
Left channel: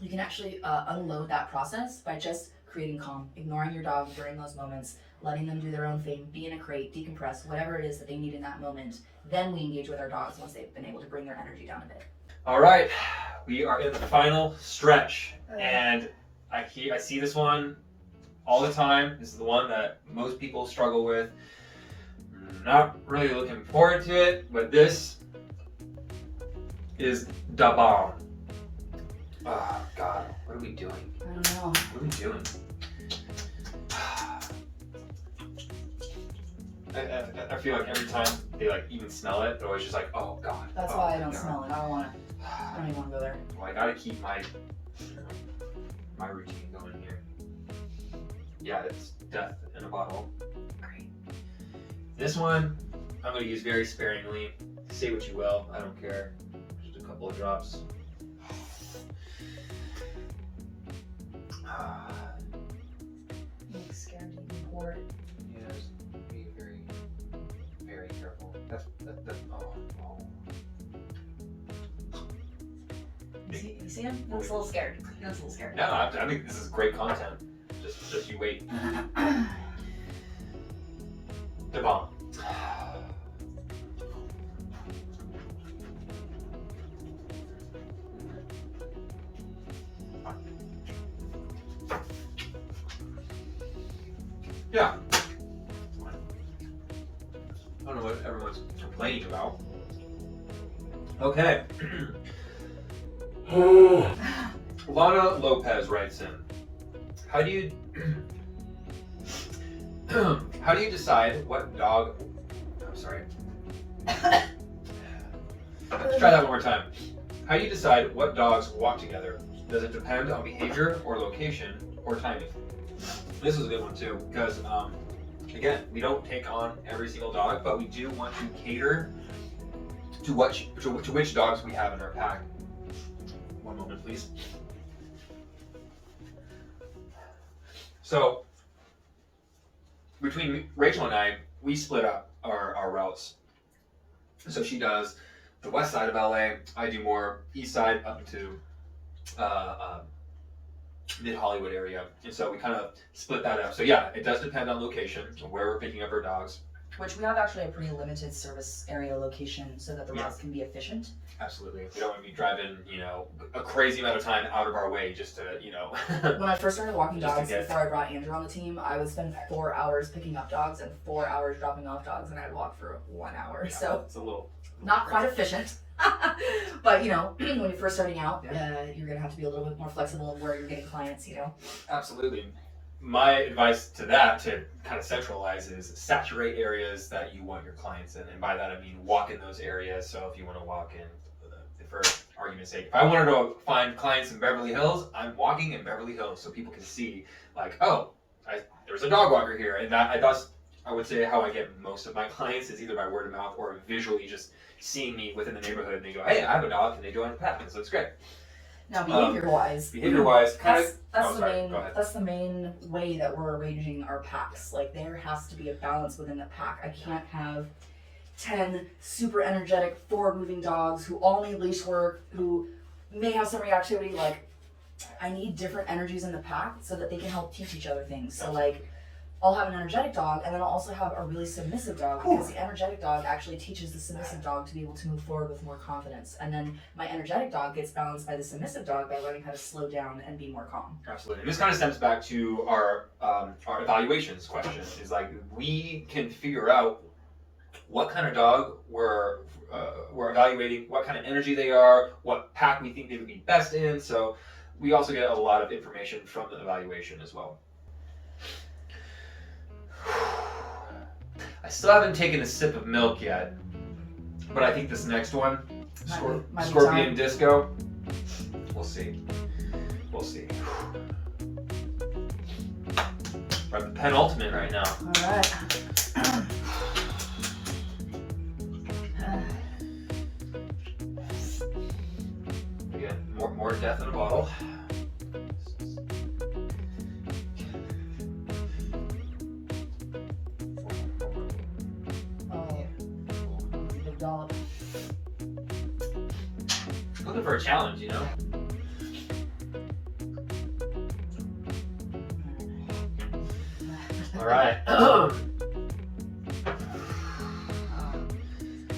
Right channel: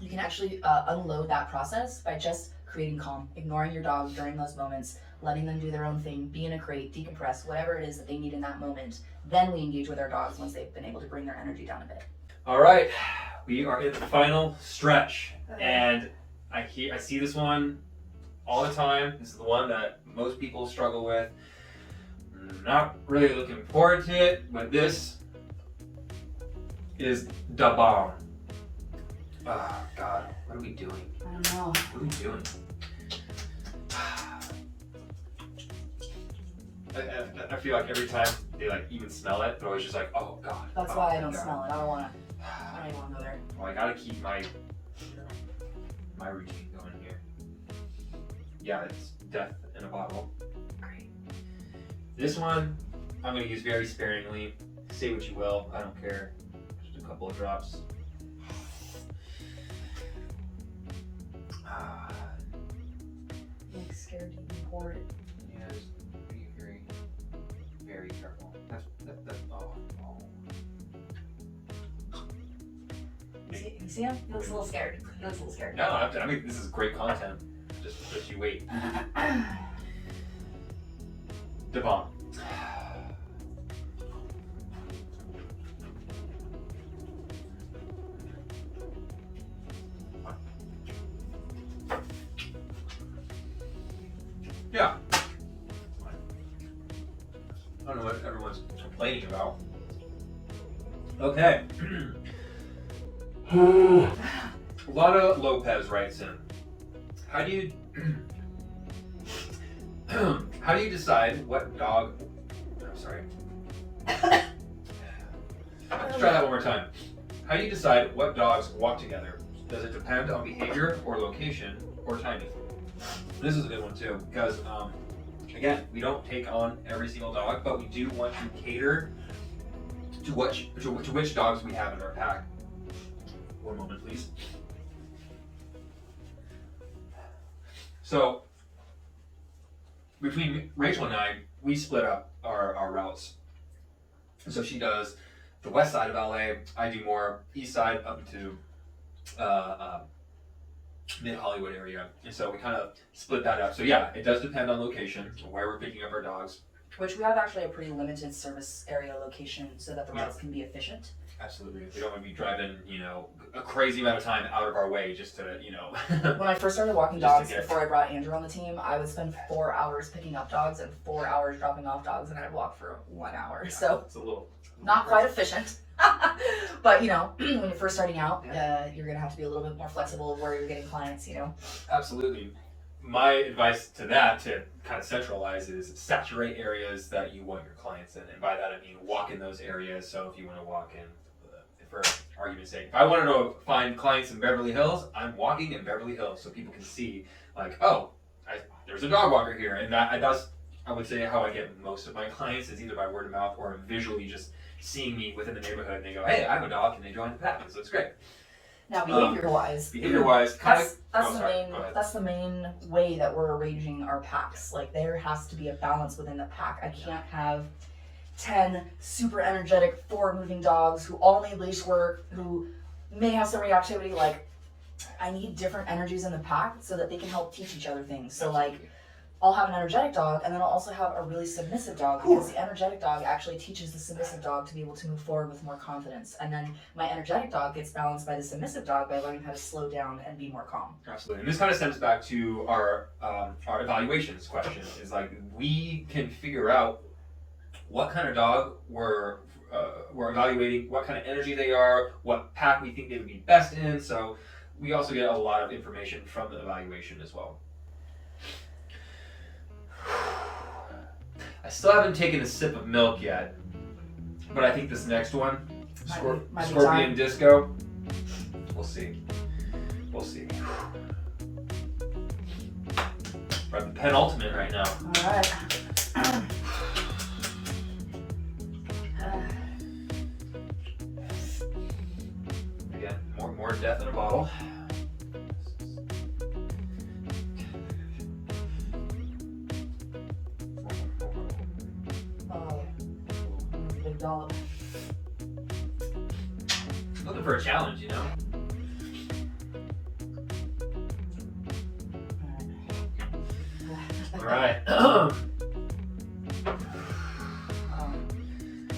you can actually unload that process by just creating calm, ignoring your dog during those moments, letting them do their own thing, be in a crate, decompress, whatever it is that they need in that moment. Then we engage with our dogs once they've been able to bring their energy down a bit. All right, we are in the final stretch, and I see this one all the time. This is the one that most people struggle with. Not really looking forward to it, but this is the bomb. Oh God, what are we doing? I don't know. What are we doing? I feel like every time they like even smell it, they're always just like, oh God. That's why I don't smell it. I don't even want to go there. Well, I gotta keep my routine going here. Yeah, it's death in a bottle. Great. This one, I'm going to use very sparingly. Say what you will, I don't care. Just a couple of drops. I'm scared you can pour it. Yeah, just be very, very careful. That's You see him? He looks a little scared. He looks a little scared. No, I mean, this is great content. Just you wait. The bomb. Yeah. I don't know what everyone's complaining about. Okay. Lana Lopez writes in, how do you decide what dog, I'm sorry. Let's try that one more time. How do you decide what dogs walk together? Does it depend on behavior or location or timing? This is a good one too, because again, we don't take on every single dog, but we do want to cater to which dogs we have in our pack. One moment, please. So, between Rachel and I, we split up our routes. So she does the west side of LA, I do more east side up into mid-Hollywood area. And so we kind of split that up. So yeah, it does depend on location, where we're picking up our dogs. Which we have actually a pretty limited service area location so that the routes can be efficient. Absolutely. We don't want to be driving, a crazy amount of time out of our way just to, When I first started walking dogs, before I brought Andrew on the team, I would spend 4 hours picking up dogs and 4 hours dropping off dogs, and I'd walk for 1 hour. Yeah, so it's a little not quite efficient. But when you're first starting out, you're gonna have to be a little bit more flexible of where you're getting clients. Absolutely. My advice to that, to kind of centralize, is saturate areas that you want your clients in. And by that I mean walk in those areas. So if you want to walk in, for argument's sake, if I wanted to find clients in Beverly Hills, I'm walking in Beverly Hills so people can see, like, oh, there's a dog walker here. And that's, I would say, how I get most of my clients, is either by word of mouth or visually just seeing me within the neighborhood, and they go, hey, I have a dog, and they join the pack, and so it's great. Now, behavior-wise, that's the main way that we're arranging our packs. Like, there has to be a balance within the pack. I can't have 10 super energetic, forward-moving dogs who all need leash work, who may have some reactivity. Like, I need different energies in the pack so that they can help teach each other things. So, like, I'll have an energetic dog, and then I'll also have a really submissive dog, because the energetic dog actually teaches the submissive dog to be able to move forward with more confidence. And then my energetic dog gets balanced by the submissive dog by learning how to slow down and be more calm. Absolutely. And this kind of stems back to our evaluations question. Is like, we can figure out what kind of dog we're evaluating, what kind of energy they are, what pack we think they would be best in. So we also get a lot of information from the evaluation as well. I still haven't taken a sip of milk yet, but I think this next one, Scorpion Disco, we'll see. We'll see. We're at the penultimate right now. All right. Again, more death in a bottle. Looking for a challenge, All right. Got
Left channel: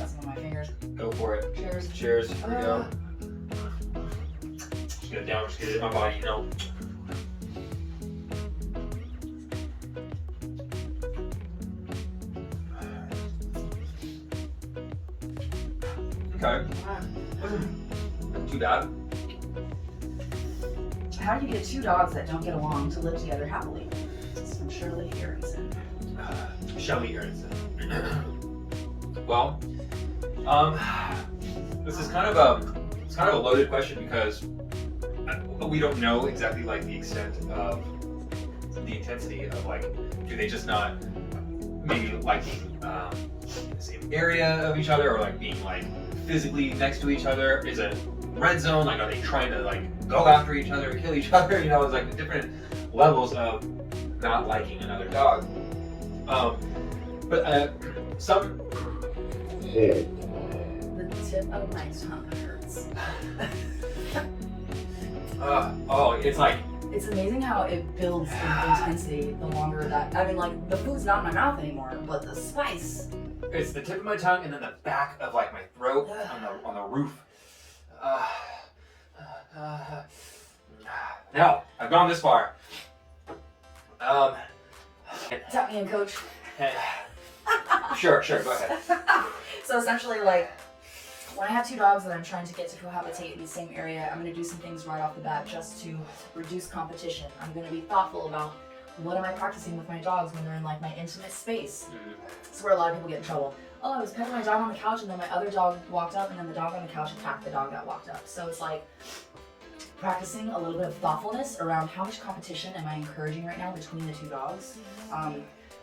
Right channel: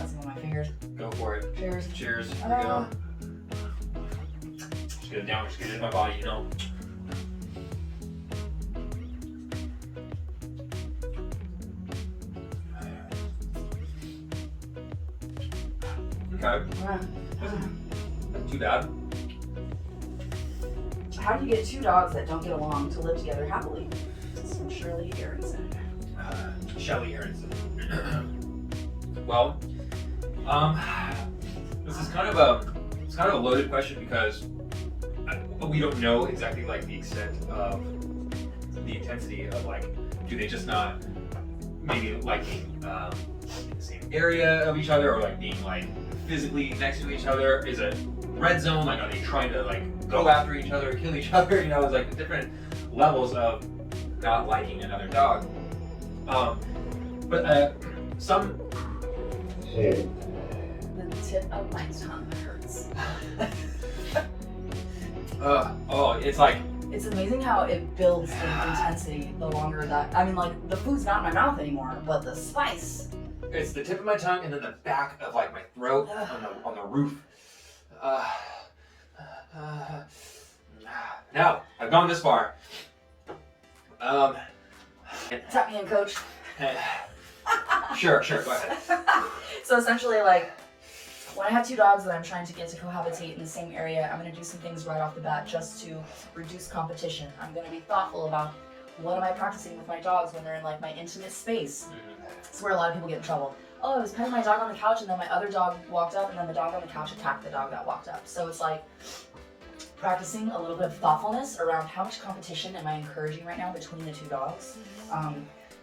some on my fingers. Go for it. Cheers. Cheers. Here we go. Just get it down. Just get it in my body, Okay. Wasn't too bad. How do you get two dogs that don't get along to live together happily? From Shirley Aronson. Shelly Aronson. Well, this is kind of a loaded question, because we don't know exactly like the extent of the intensity of like, do they just not maybe like the same area of each other, or like being like physically next to each other? Is it red zone? Like, are they trying to like go after each other, kill each other? You know, it's like different levels of not liking another dog. But some. The tip of my tongue hurts. It's like. It's amazing how it builds in intensity the longer that. I mean, like, the food's not in my mouth anymore, but the spice. It's the tip of my tongue and then the back of like my throat on the roof. Now I've gone this far. Tap me in, coach. Hey. Sure, go ahead. So essentially, like, when I have two dogs that I'm trying to get to cohabitate in the same area, I'm going to do some things right off the bat just to reduce competition. I'm going to be thoughtful about what am I practicing with my dogs when they're in like my intimate space. It's where a lot of people get in trouble. Oh, I was petting my dog on the couch and then my other dog walked up and then the dog on the couch attacked the dog that walked up. So it's like practicing a little bit of thoughtfulness around how much competition am I encouraging right now between the two dogs.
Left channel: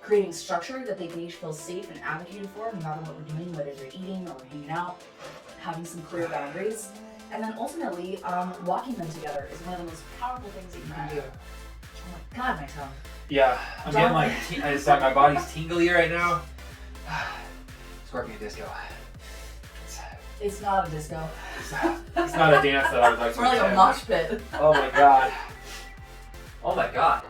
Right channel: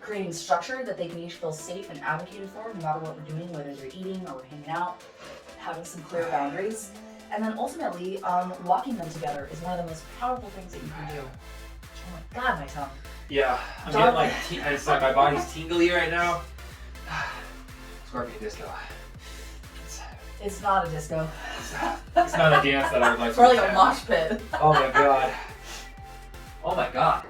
Creating structure that they can each feel safe and advocated for no matter what we're doing, whether they're eating or hanging out, having some clear boundaries. And then ultimately, walking them together is one of the most powerful things that you can do. Oh my God, my tongue. Yeah, I'm getting like, it's like my body's tingly right now. Scorpion disco. It's not a disco. It's not a dance that I would like It's to more like a attend. mosh pit. Oh my God. Oh my God.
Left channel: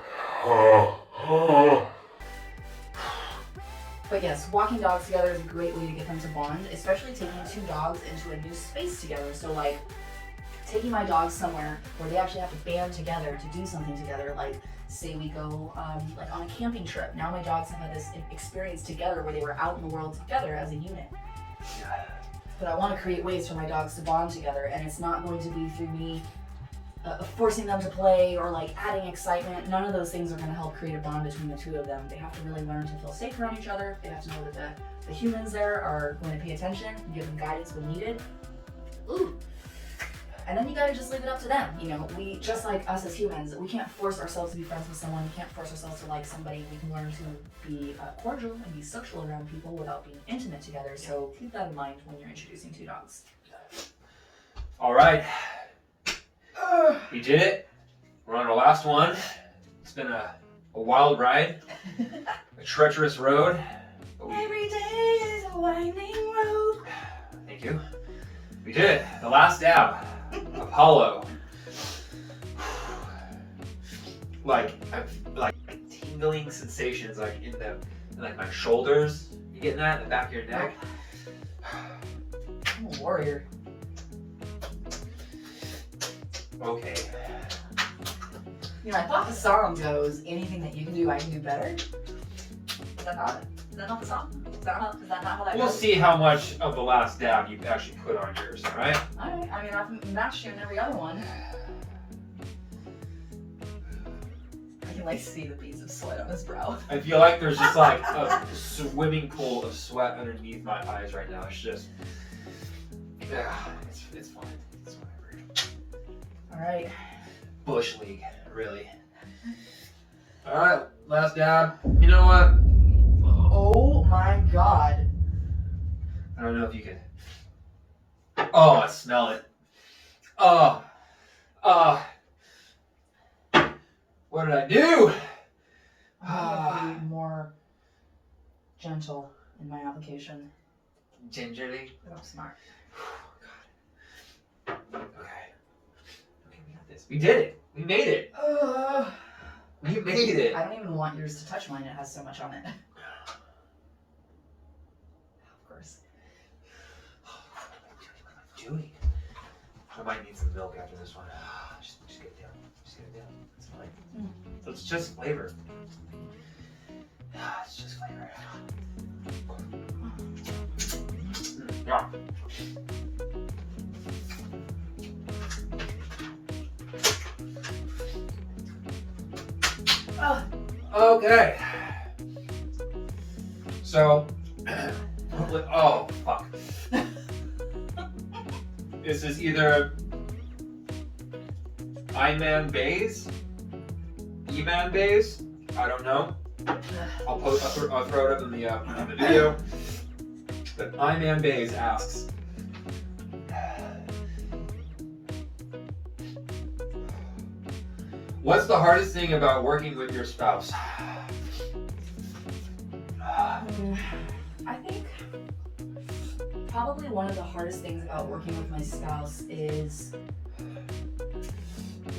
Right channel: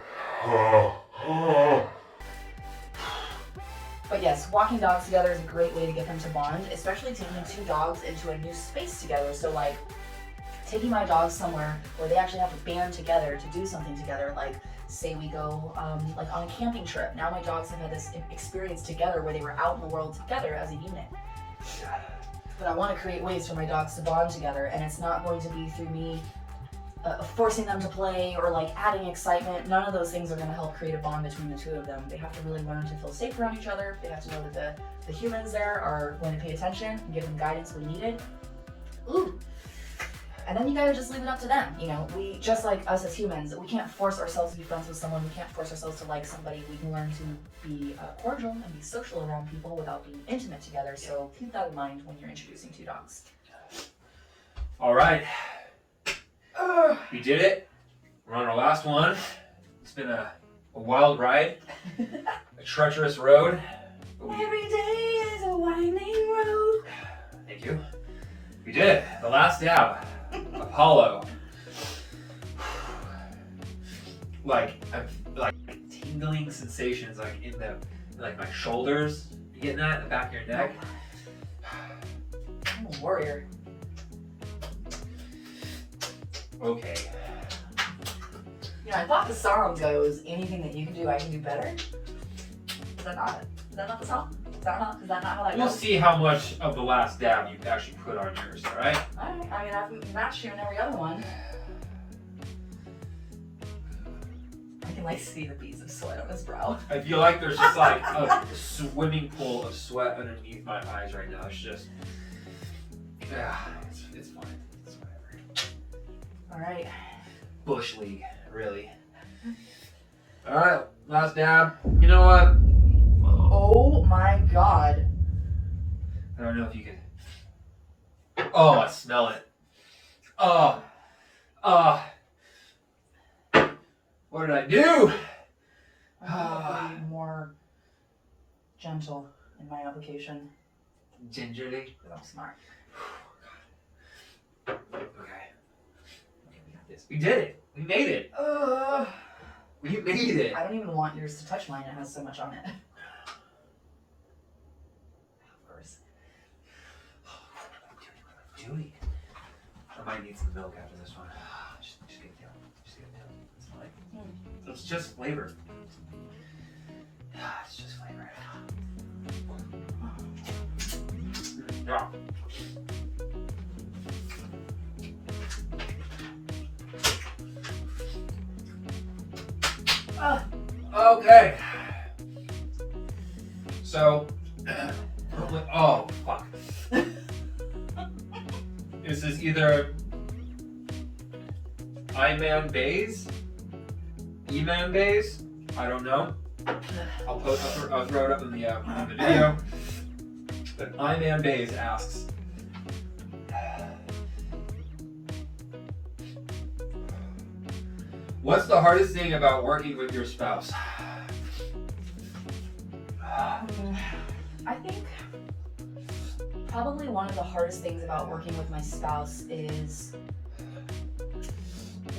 But yes, walking dogs together is a great way to get them to bond, especially taking two dogs into a new space together. So like taking my dogs somewhere where they actually have to band together to do something together. Like say we go like on a camping trip. Now my dogs have had this experience together where they were out in the world together as a unit. But I want to create ways for my dogs to bond together, and it's not going to be through me forcing them to play or like adding excitement. None of those things are going to help create a bond between the two of them. They have to really learn to feel safe around each other. They have to know that the humans there are going to pay attention and give them guidance when needed. Ooh. And then you gotta just leave it up to them. You know, we, just like us as humans, we can't force ourselves to be friends with someone. We can't force ourselves to like somebody. We can learn to be cordial and be social around people without being intimate together. So keep that in mind when you're introducing two dogs. All right. We did it. We're on our last one. It's been a wild ride, a treacherous road. Every day is a winding road. Thank you. We did it. The last dab. Apollo. Like tingling sensations like in my shoulders. You getting that in the back of your neck? I'm a warrior. Okay. You know, I thought the song goes, anything that you can do, I can do better. Is that not it? Is that not the song? Is that not how that We'll goes? see how much of the last dab you actually put on yours, alright? Alright, I mean, I've matched you in every other one. I can like see the beads of sweat on his brow. I feel like there's just like a swimming pool of sweat underneath my eyes right now. It's just, yeah, it's fine. It's whatever. Alright. Bush league, really. Alright, last dab. You know what? Oh my god. I don't know if you could. Oh, I smell it. Oh. What did I do? I'm going to be more gentle in my application. Gingerly. I'm smart. Okay, we got this. We did it. We made it. We made it. I don't even want yours to touch mine. It has so much on it. Of course. What am I doing? I might need some milk after this one. Just get it down. Just get it down. It's fine. It's just flavor. It's just flavor. Yeah. Okay. So, oh fuck. This is either I-man bays, E-man bays, I don't know. I'll throw it up in the video. But iMan Bays asks, what's the hardest thing about working with your spouse? I think probably one of the hardest things about working with my spouse is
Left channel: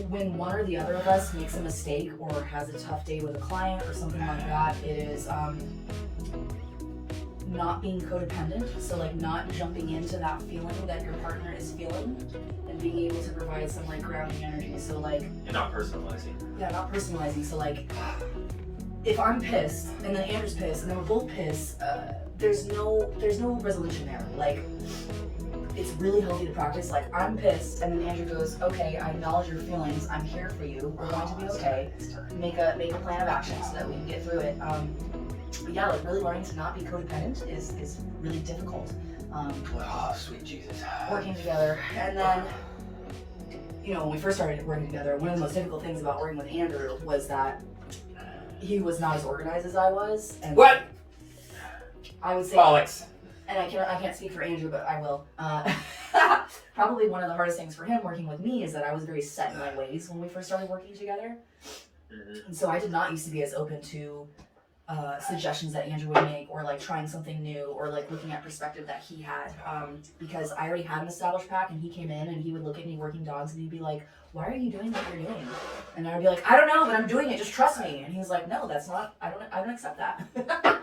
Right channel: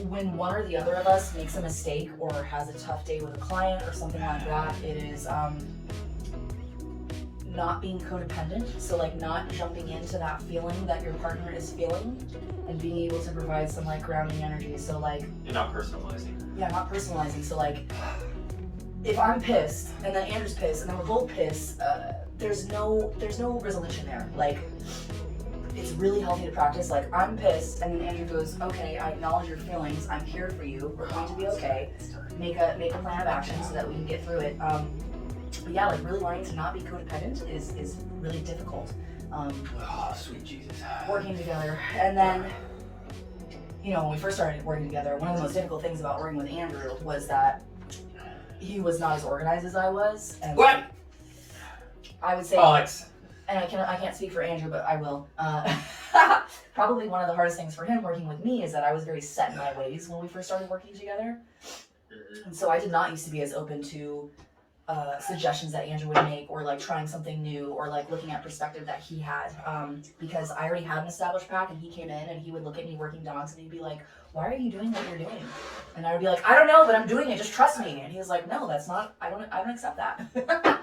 when one or the other of us makes a mistake or has a tough day with a client or something like that. It is not being codependent, so like not jumping into that feeling that your partner is feeling and being able to provide some like grounding energy. So like, You're not personalizing. yeah, not personalizing. So like, if I'm pissed and then Andrew's pissed and then we're both pissed, there's no resolution there. Like, it's really healthy to practice. Like, I'm pissed and then Andrew goes, okay, I acknowledge your feelings. I'm here for you. We're going to be okay. Make a plan of action so that we can get through it. But yeah, like really learning to not be codependent is really difficult. Oh, sweet Jesus. Working together, and then, you know, when we first started working together, one of the most difficult things about working with Andrew was that he was not as organized as I was. And What? I would say, Bollocks. and I can't speak for Andrew, but I will. Probably one of the hardest things for him working with me is that I was very set in my ways when we first started working together, and so I did not used to be as open to suggestions that Andrew would make, or like trying something new, or like looking at perspective that he had, because I already had an established pack, and he came in and he would look at me working dogs and he'd be like, why are you doing what you're doing? And I would be like, I don't know, but I'm doing it, just trust me. And he was like, no, that's not, I don't accept that.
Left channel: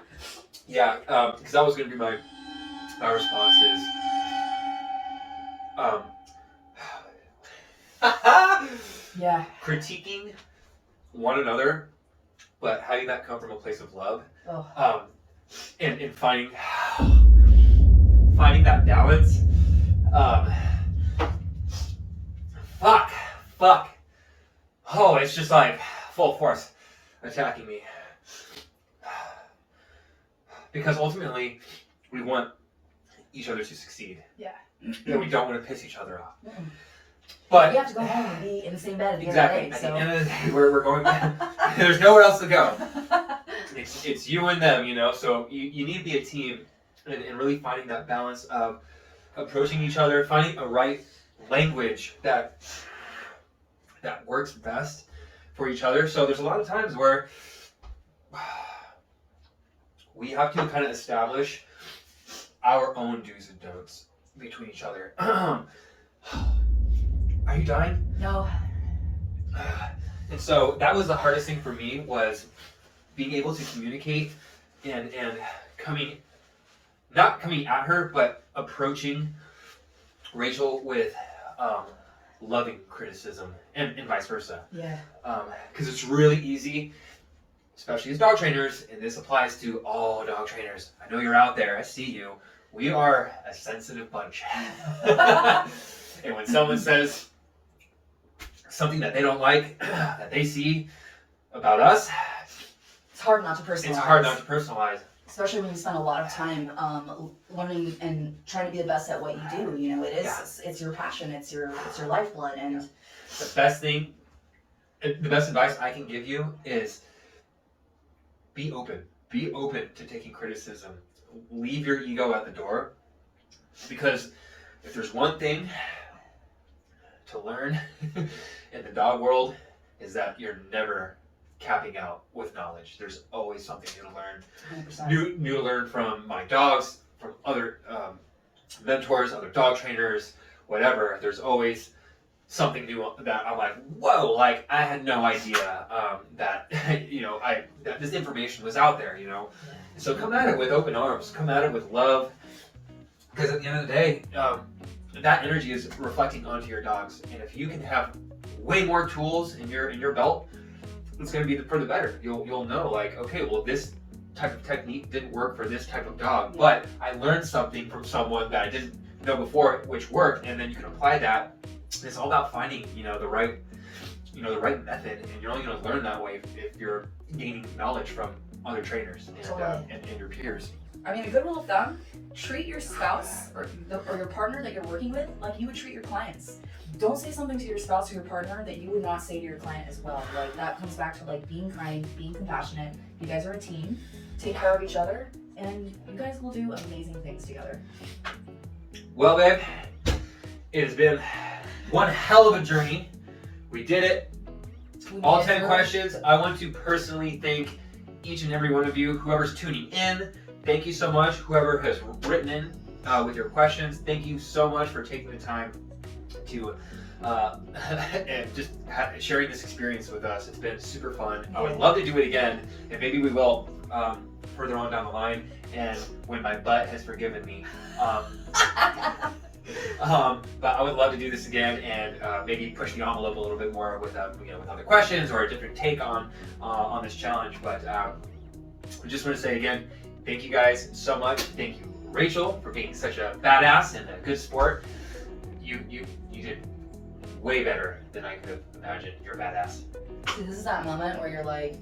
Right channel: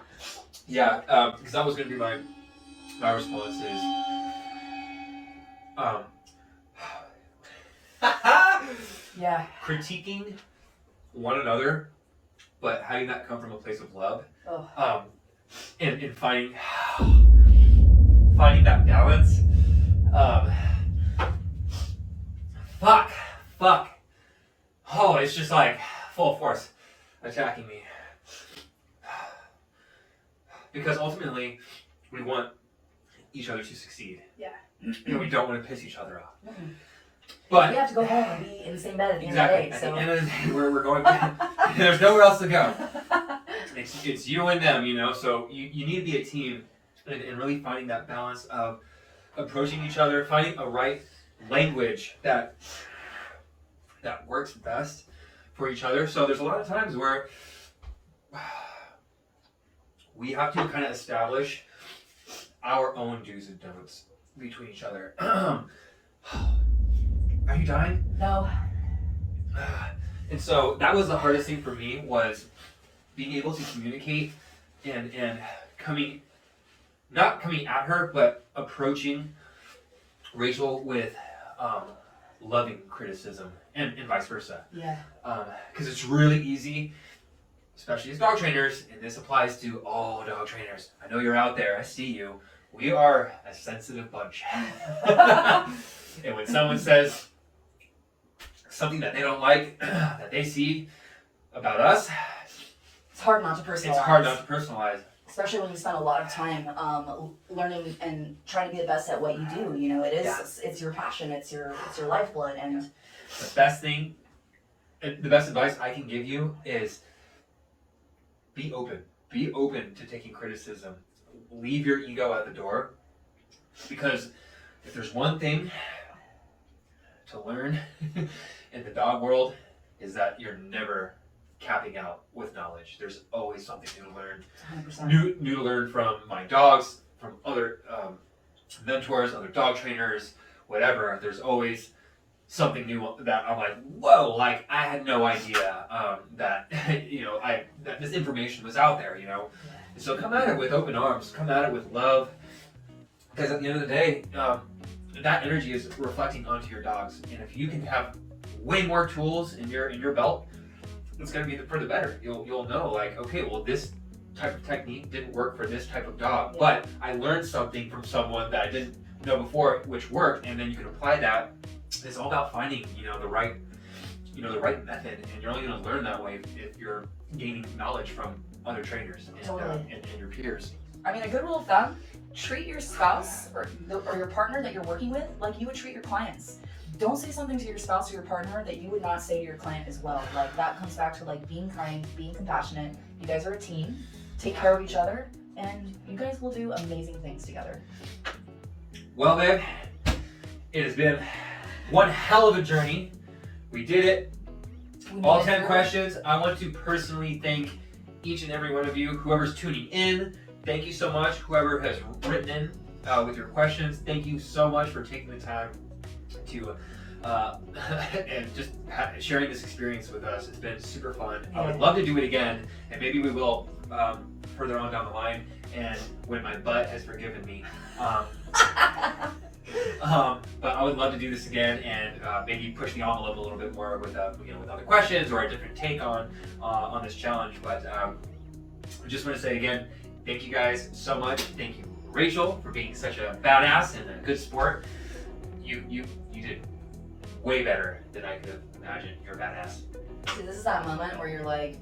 Yeah, because that was going to be my response is, Yeah. critiquing one another, but having that come from a place of love, Oh. and finding that balance. Fuck. Oh, it's just like full force attacking me. Because ultimately, we want each other to succeed. Yeah. And we don't want to piss each other off. Mm-mm. But We have to go home and be in the same bed at the exactly, end of at the day. the end of the day, we're going back. There's nowhere else to go. It's you and them, you know. So you need to be a team, and really finding that balance of approaching each other, finding a right language that works best for each other. So there's a lot of times where we have to kind of establish our own do's and don'ts between each other. Are you dying? No. And so that was the hardest thing for me, was being able to communicate and not coming at her, but approaching Rachel with loving criticism and vice versa. Yeah. Because it's really easy, especially as dog trainers, and this applies to all dog trainers. I know you're out there, I see you. We are a sensitive bunch. And when someone says something that they don't like, that they see about us, It's hard not to personalize. it's hard not to personalize. Especially when you spend a lot of time learning and trying to be the best at what you do. You know, it is. Yeah. It's your passion. It's your lifeblood. And The best advice I can give you is be open. Be open to taking criticism. Leave your ego at the door, because if there's one thing to learn in the dog world, is that you're never capping out with knowledge. There's always something new to learn. 100%. New to learn from my dogs, from other mentors, other dog trainers, whatever. There's always something new that I'm like, whoa, like I had no idea that that this information was out there, you know. So come at it with open arms, come at it with love, because at the end of the day, that energy is reflecting onto your dogs. And if you can have way more tools in your belt, it's going to be for the better. You'll know, like, okay, well, this type of technique didn't work for this type of dog, but I learned something from someone that I didn't know before, which worked, and then you can apply that. It's all about finding, the right the right method, and you're only going to learn that way if you're gaining knowledge from other trainers and your peers. I mean, a good rule of thumb, treat your spouse or your partner that you're working with like you would treat your clients. Don't say something to your spouse or your partner that you would not say to your client as well. Like, that comes back to like being kind, being compassionate. You guys are a team. Take care of each other, and you guys will do amazing things together. Well, babe, it has been one hell of a journey. We did it. All 10 questions. I want to personally thank each and every one of you, whoever's tuning in. Thank you so much. Whoever has written in with your questions, thank you so much for taking the time to and just sharing this experience with us. It's been super fun. I would love to do it again, and maybe we will further on down the line, and when my butt has forgiven me. But I would love to do this again, and maybe push the envelope a little bit more with with other questions or a different take on this challenge. But I just want to say again, thank you guys so much. Thank you, Rachel, for being such a badass and a good sport. You did way better than I could have imagined. You're a badass. See, this is that moment where you're like,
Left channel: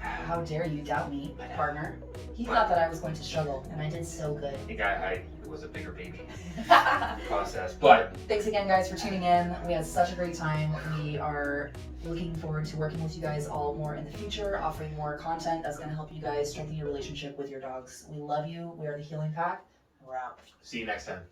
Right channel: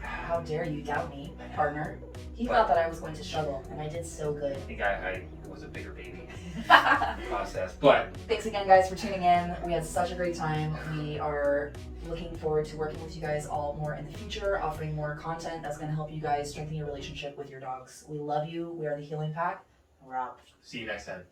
how dare you doubt me, my partner? He thought that I was going to struggle, and I did so good. I think I was a bigger baby process. But thanks again, guys, for tuning in. We had such a great time. We are looking forward to working with you guys all more in the future, offering more content that's going to help you guys strengthen your relationship with your dogs. We love you. We are the Healing Pack. We're out. See you next time.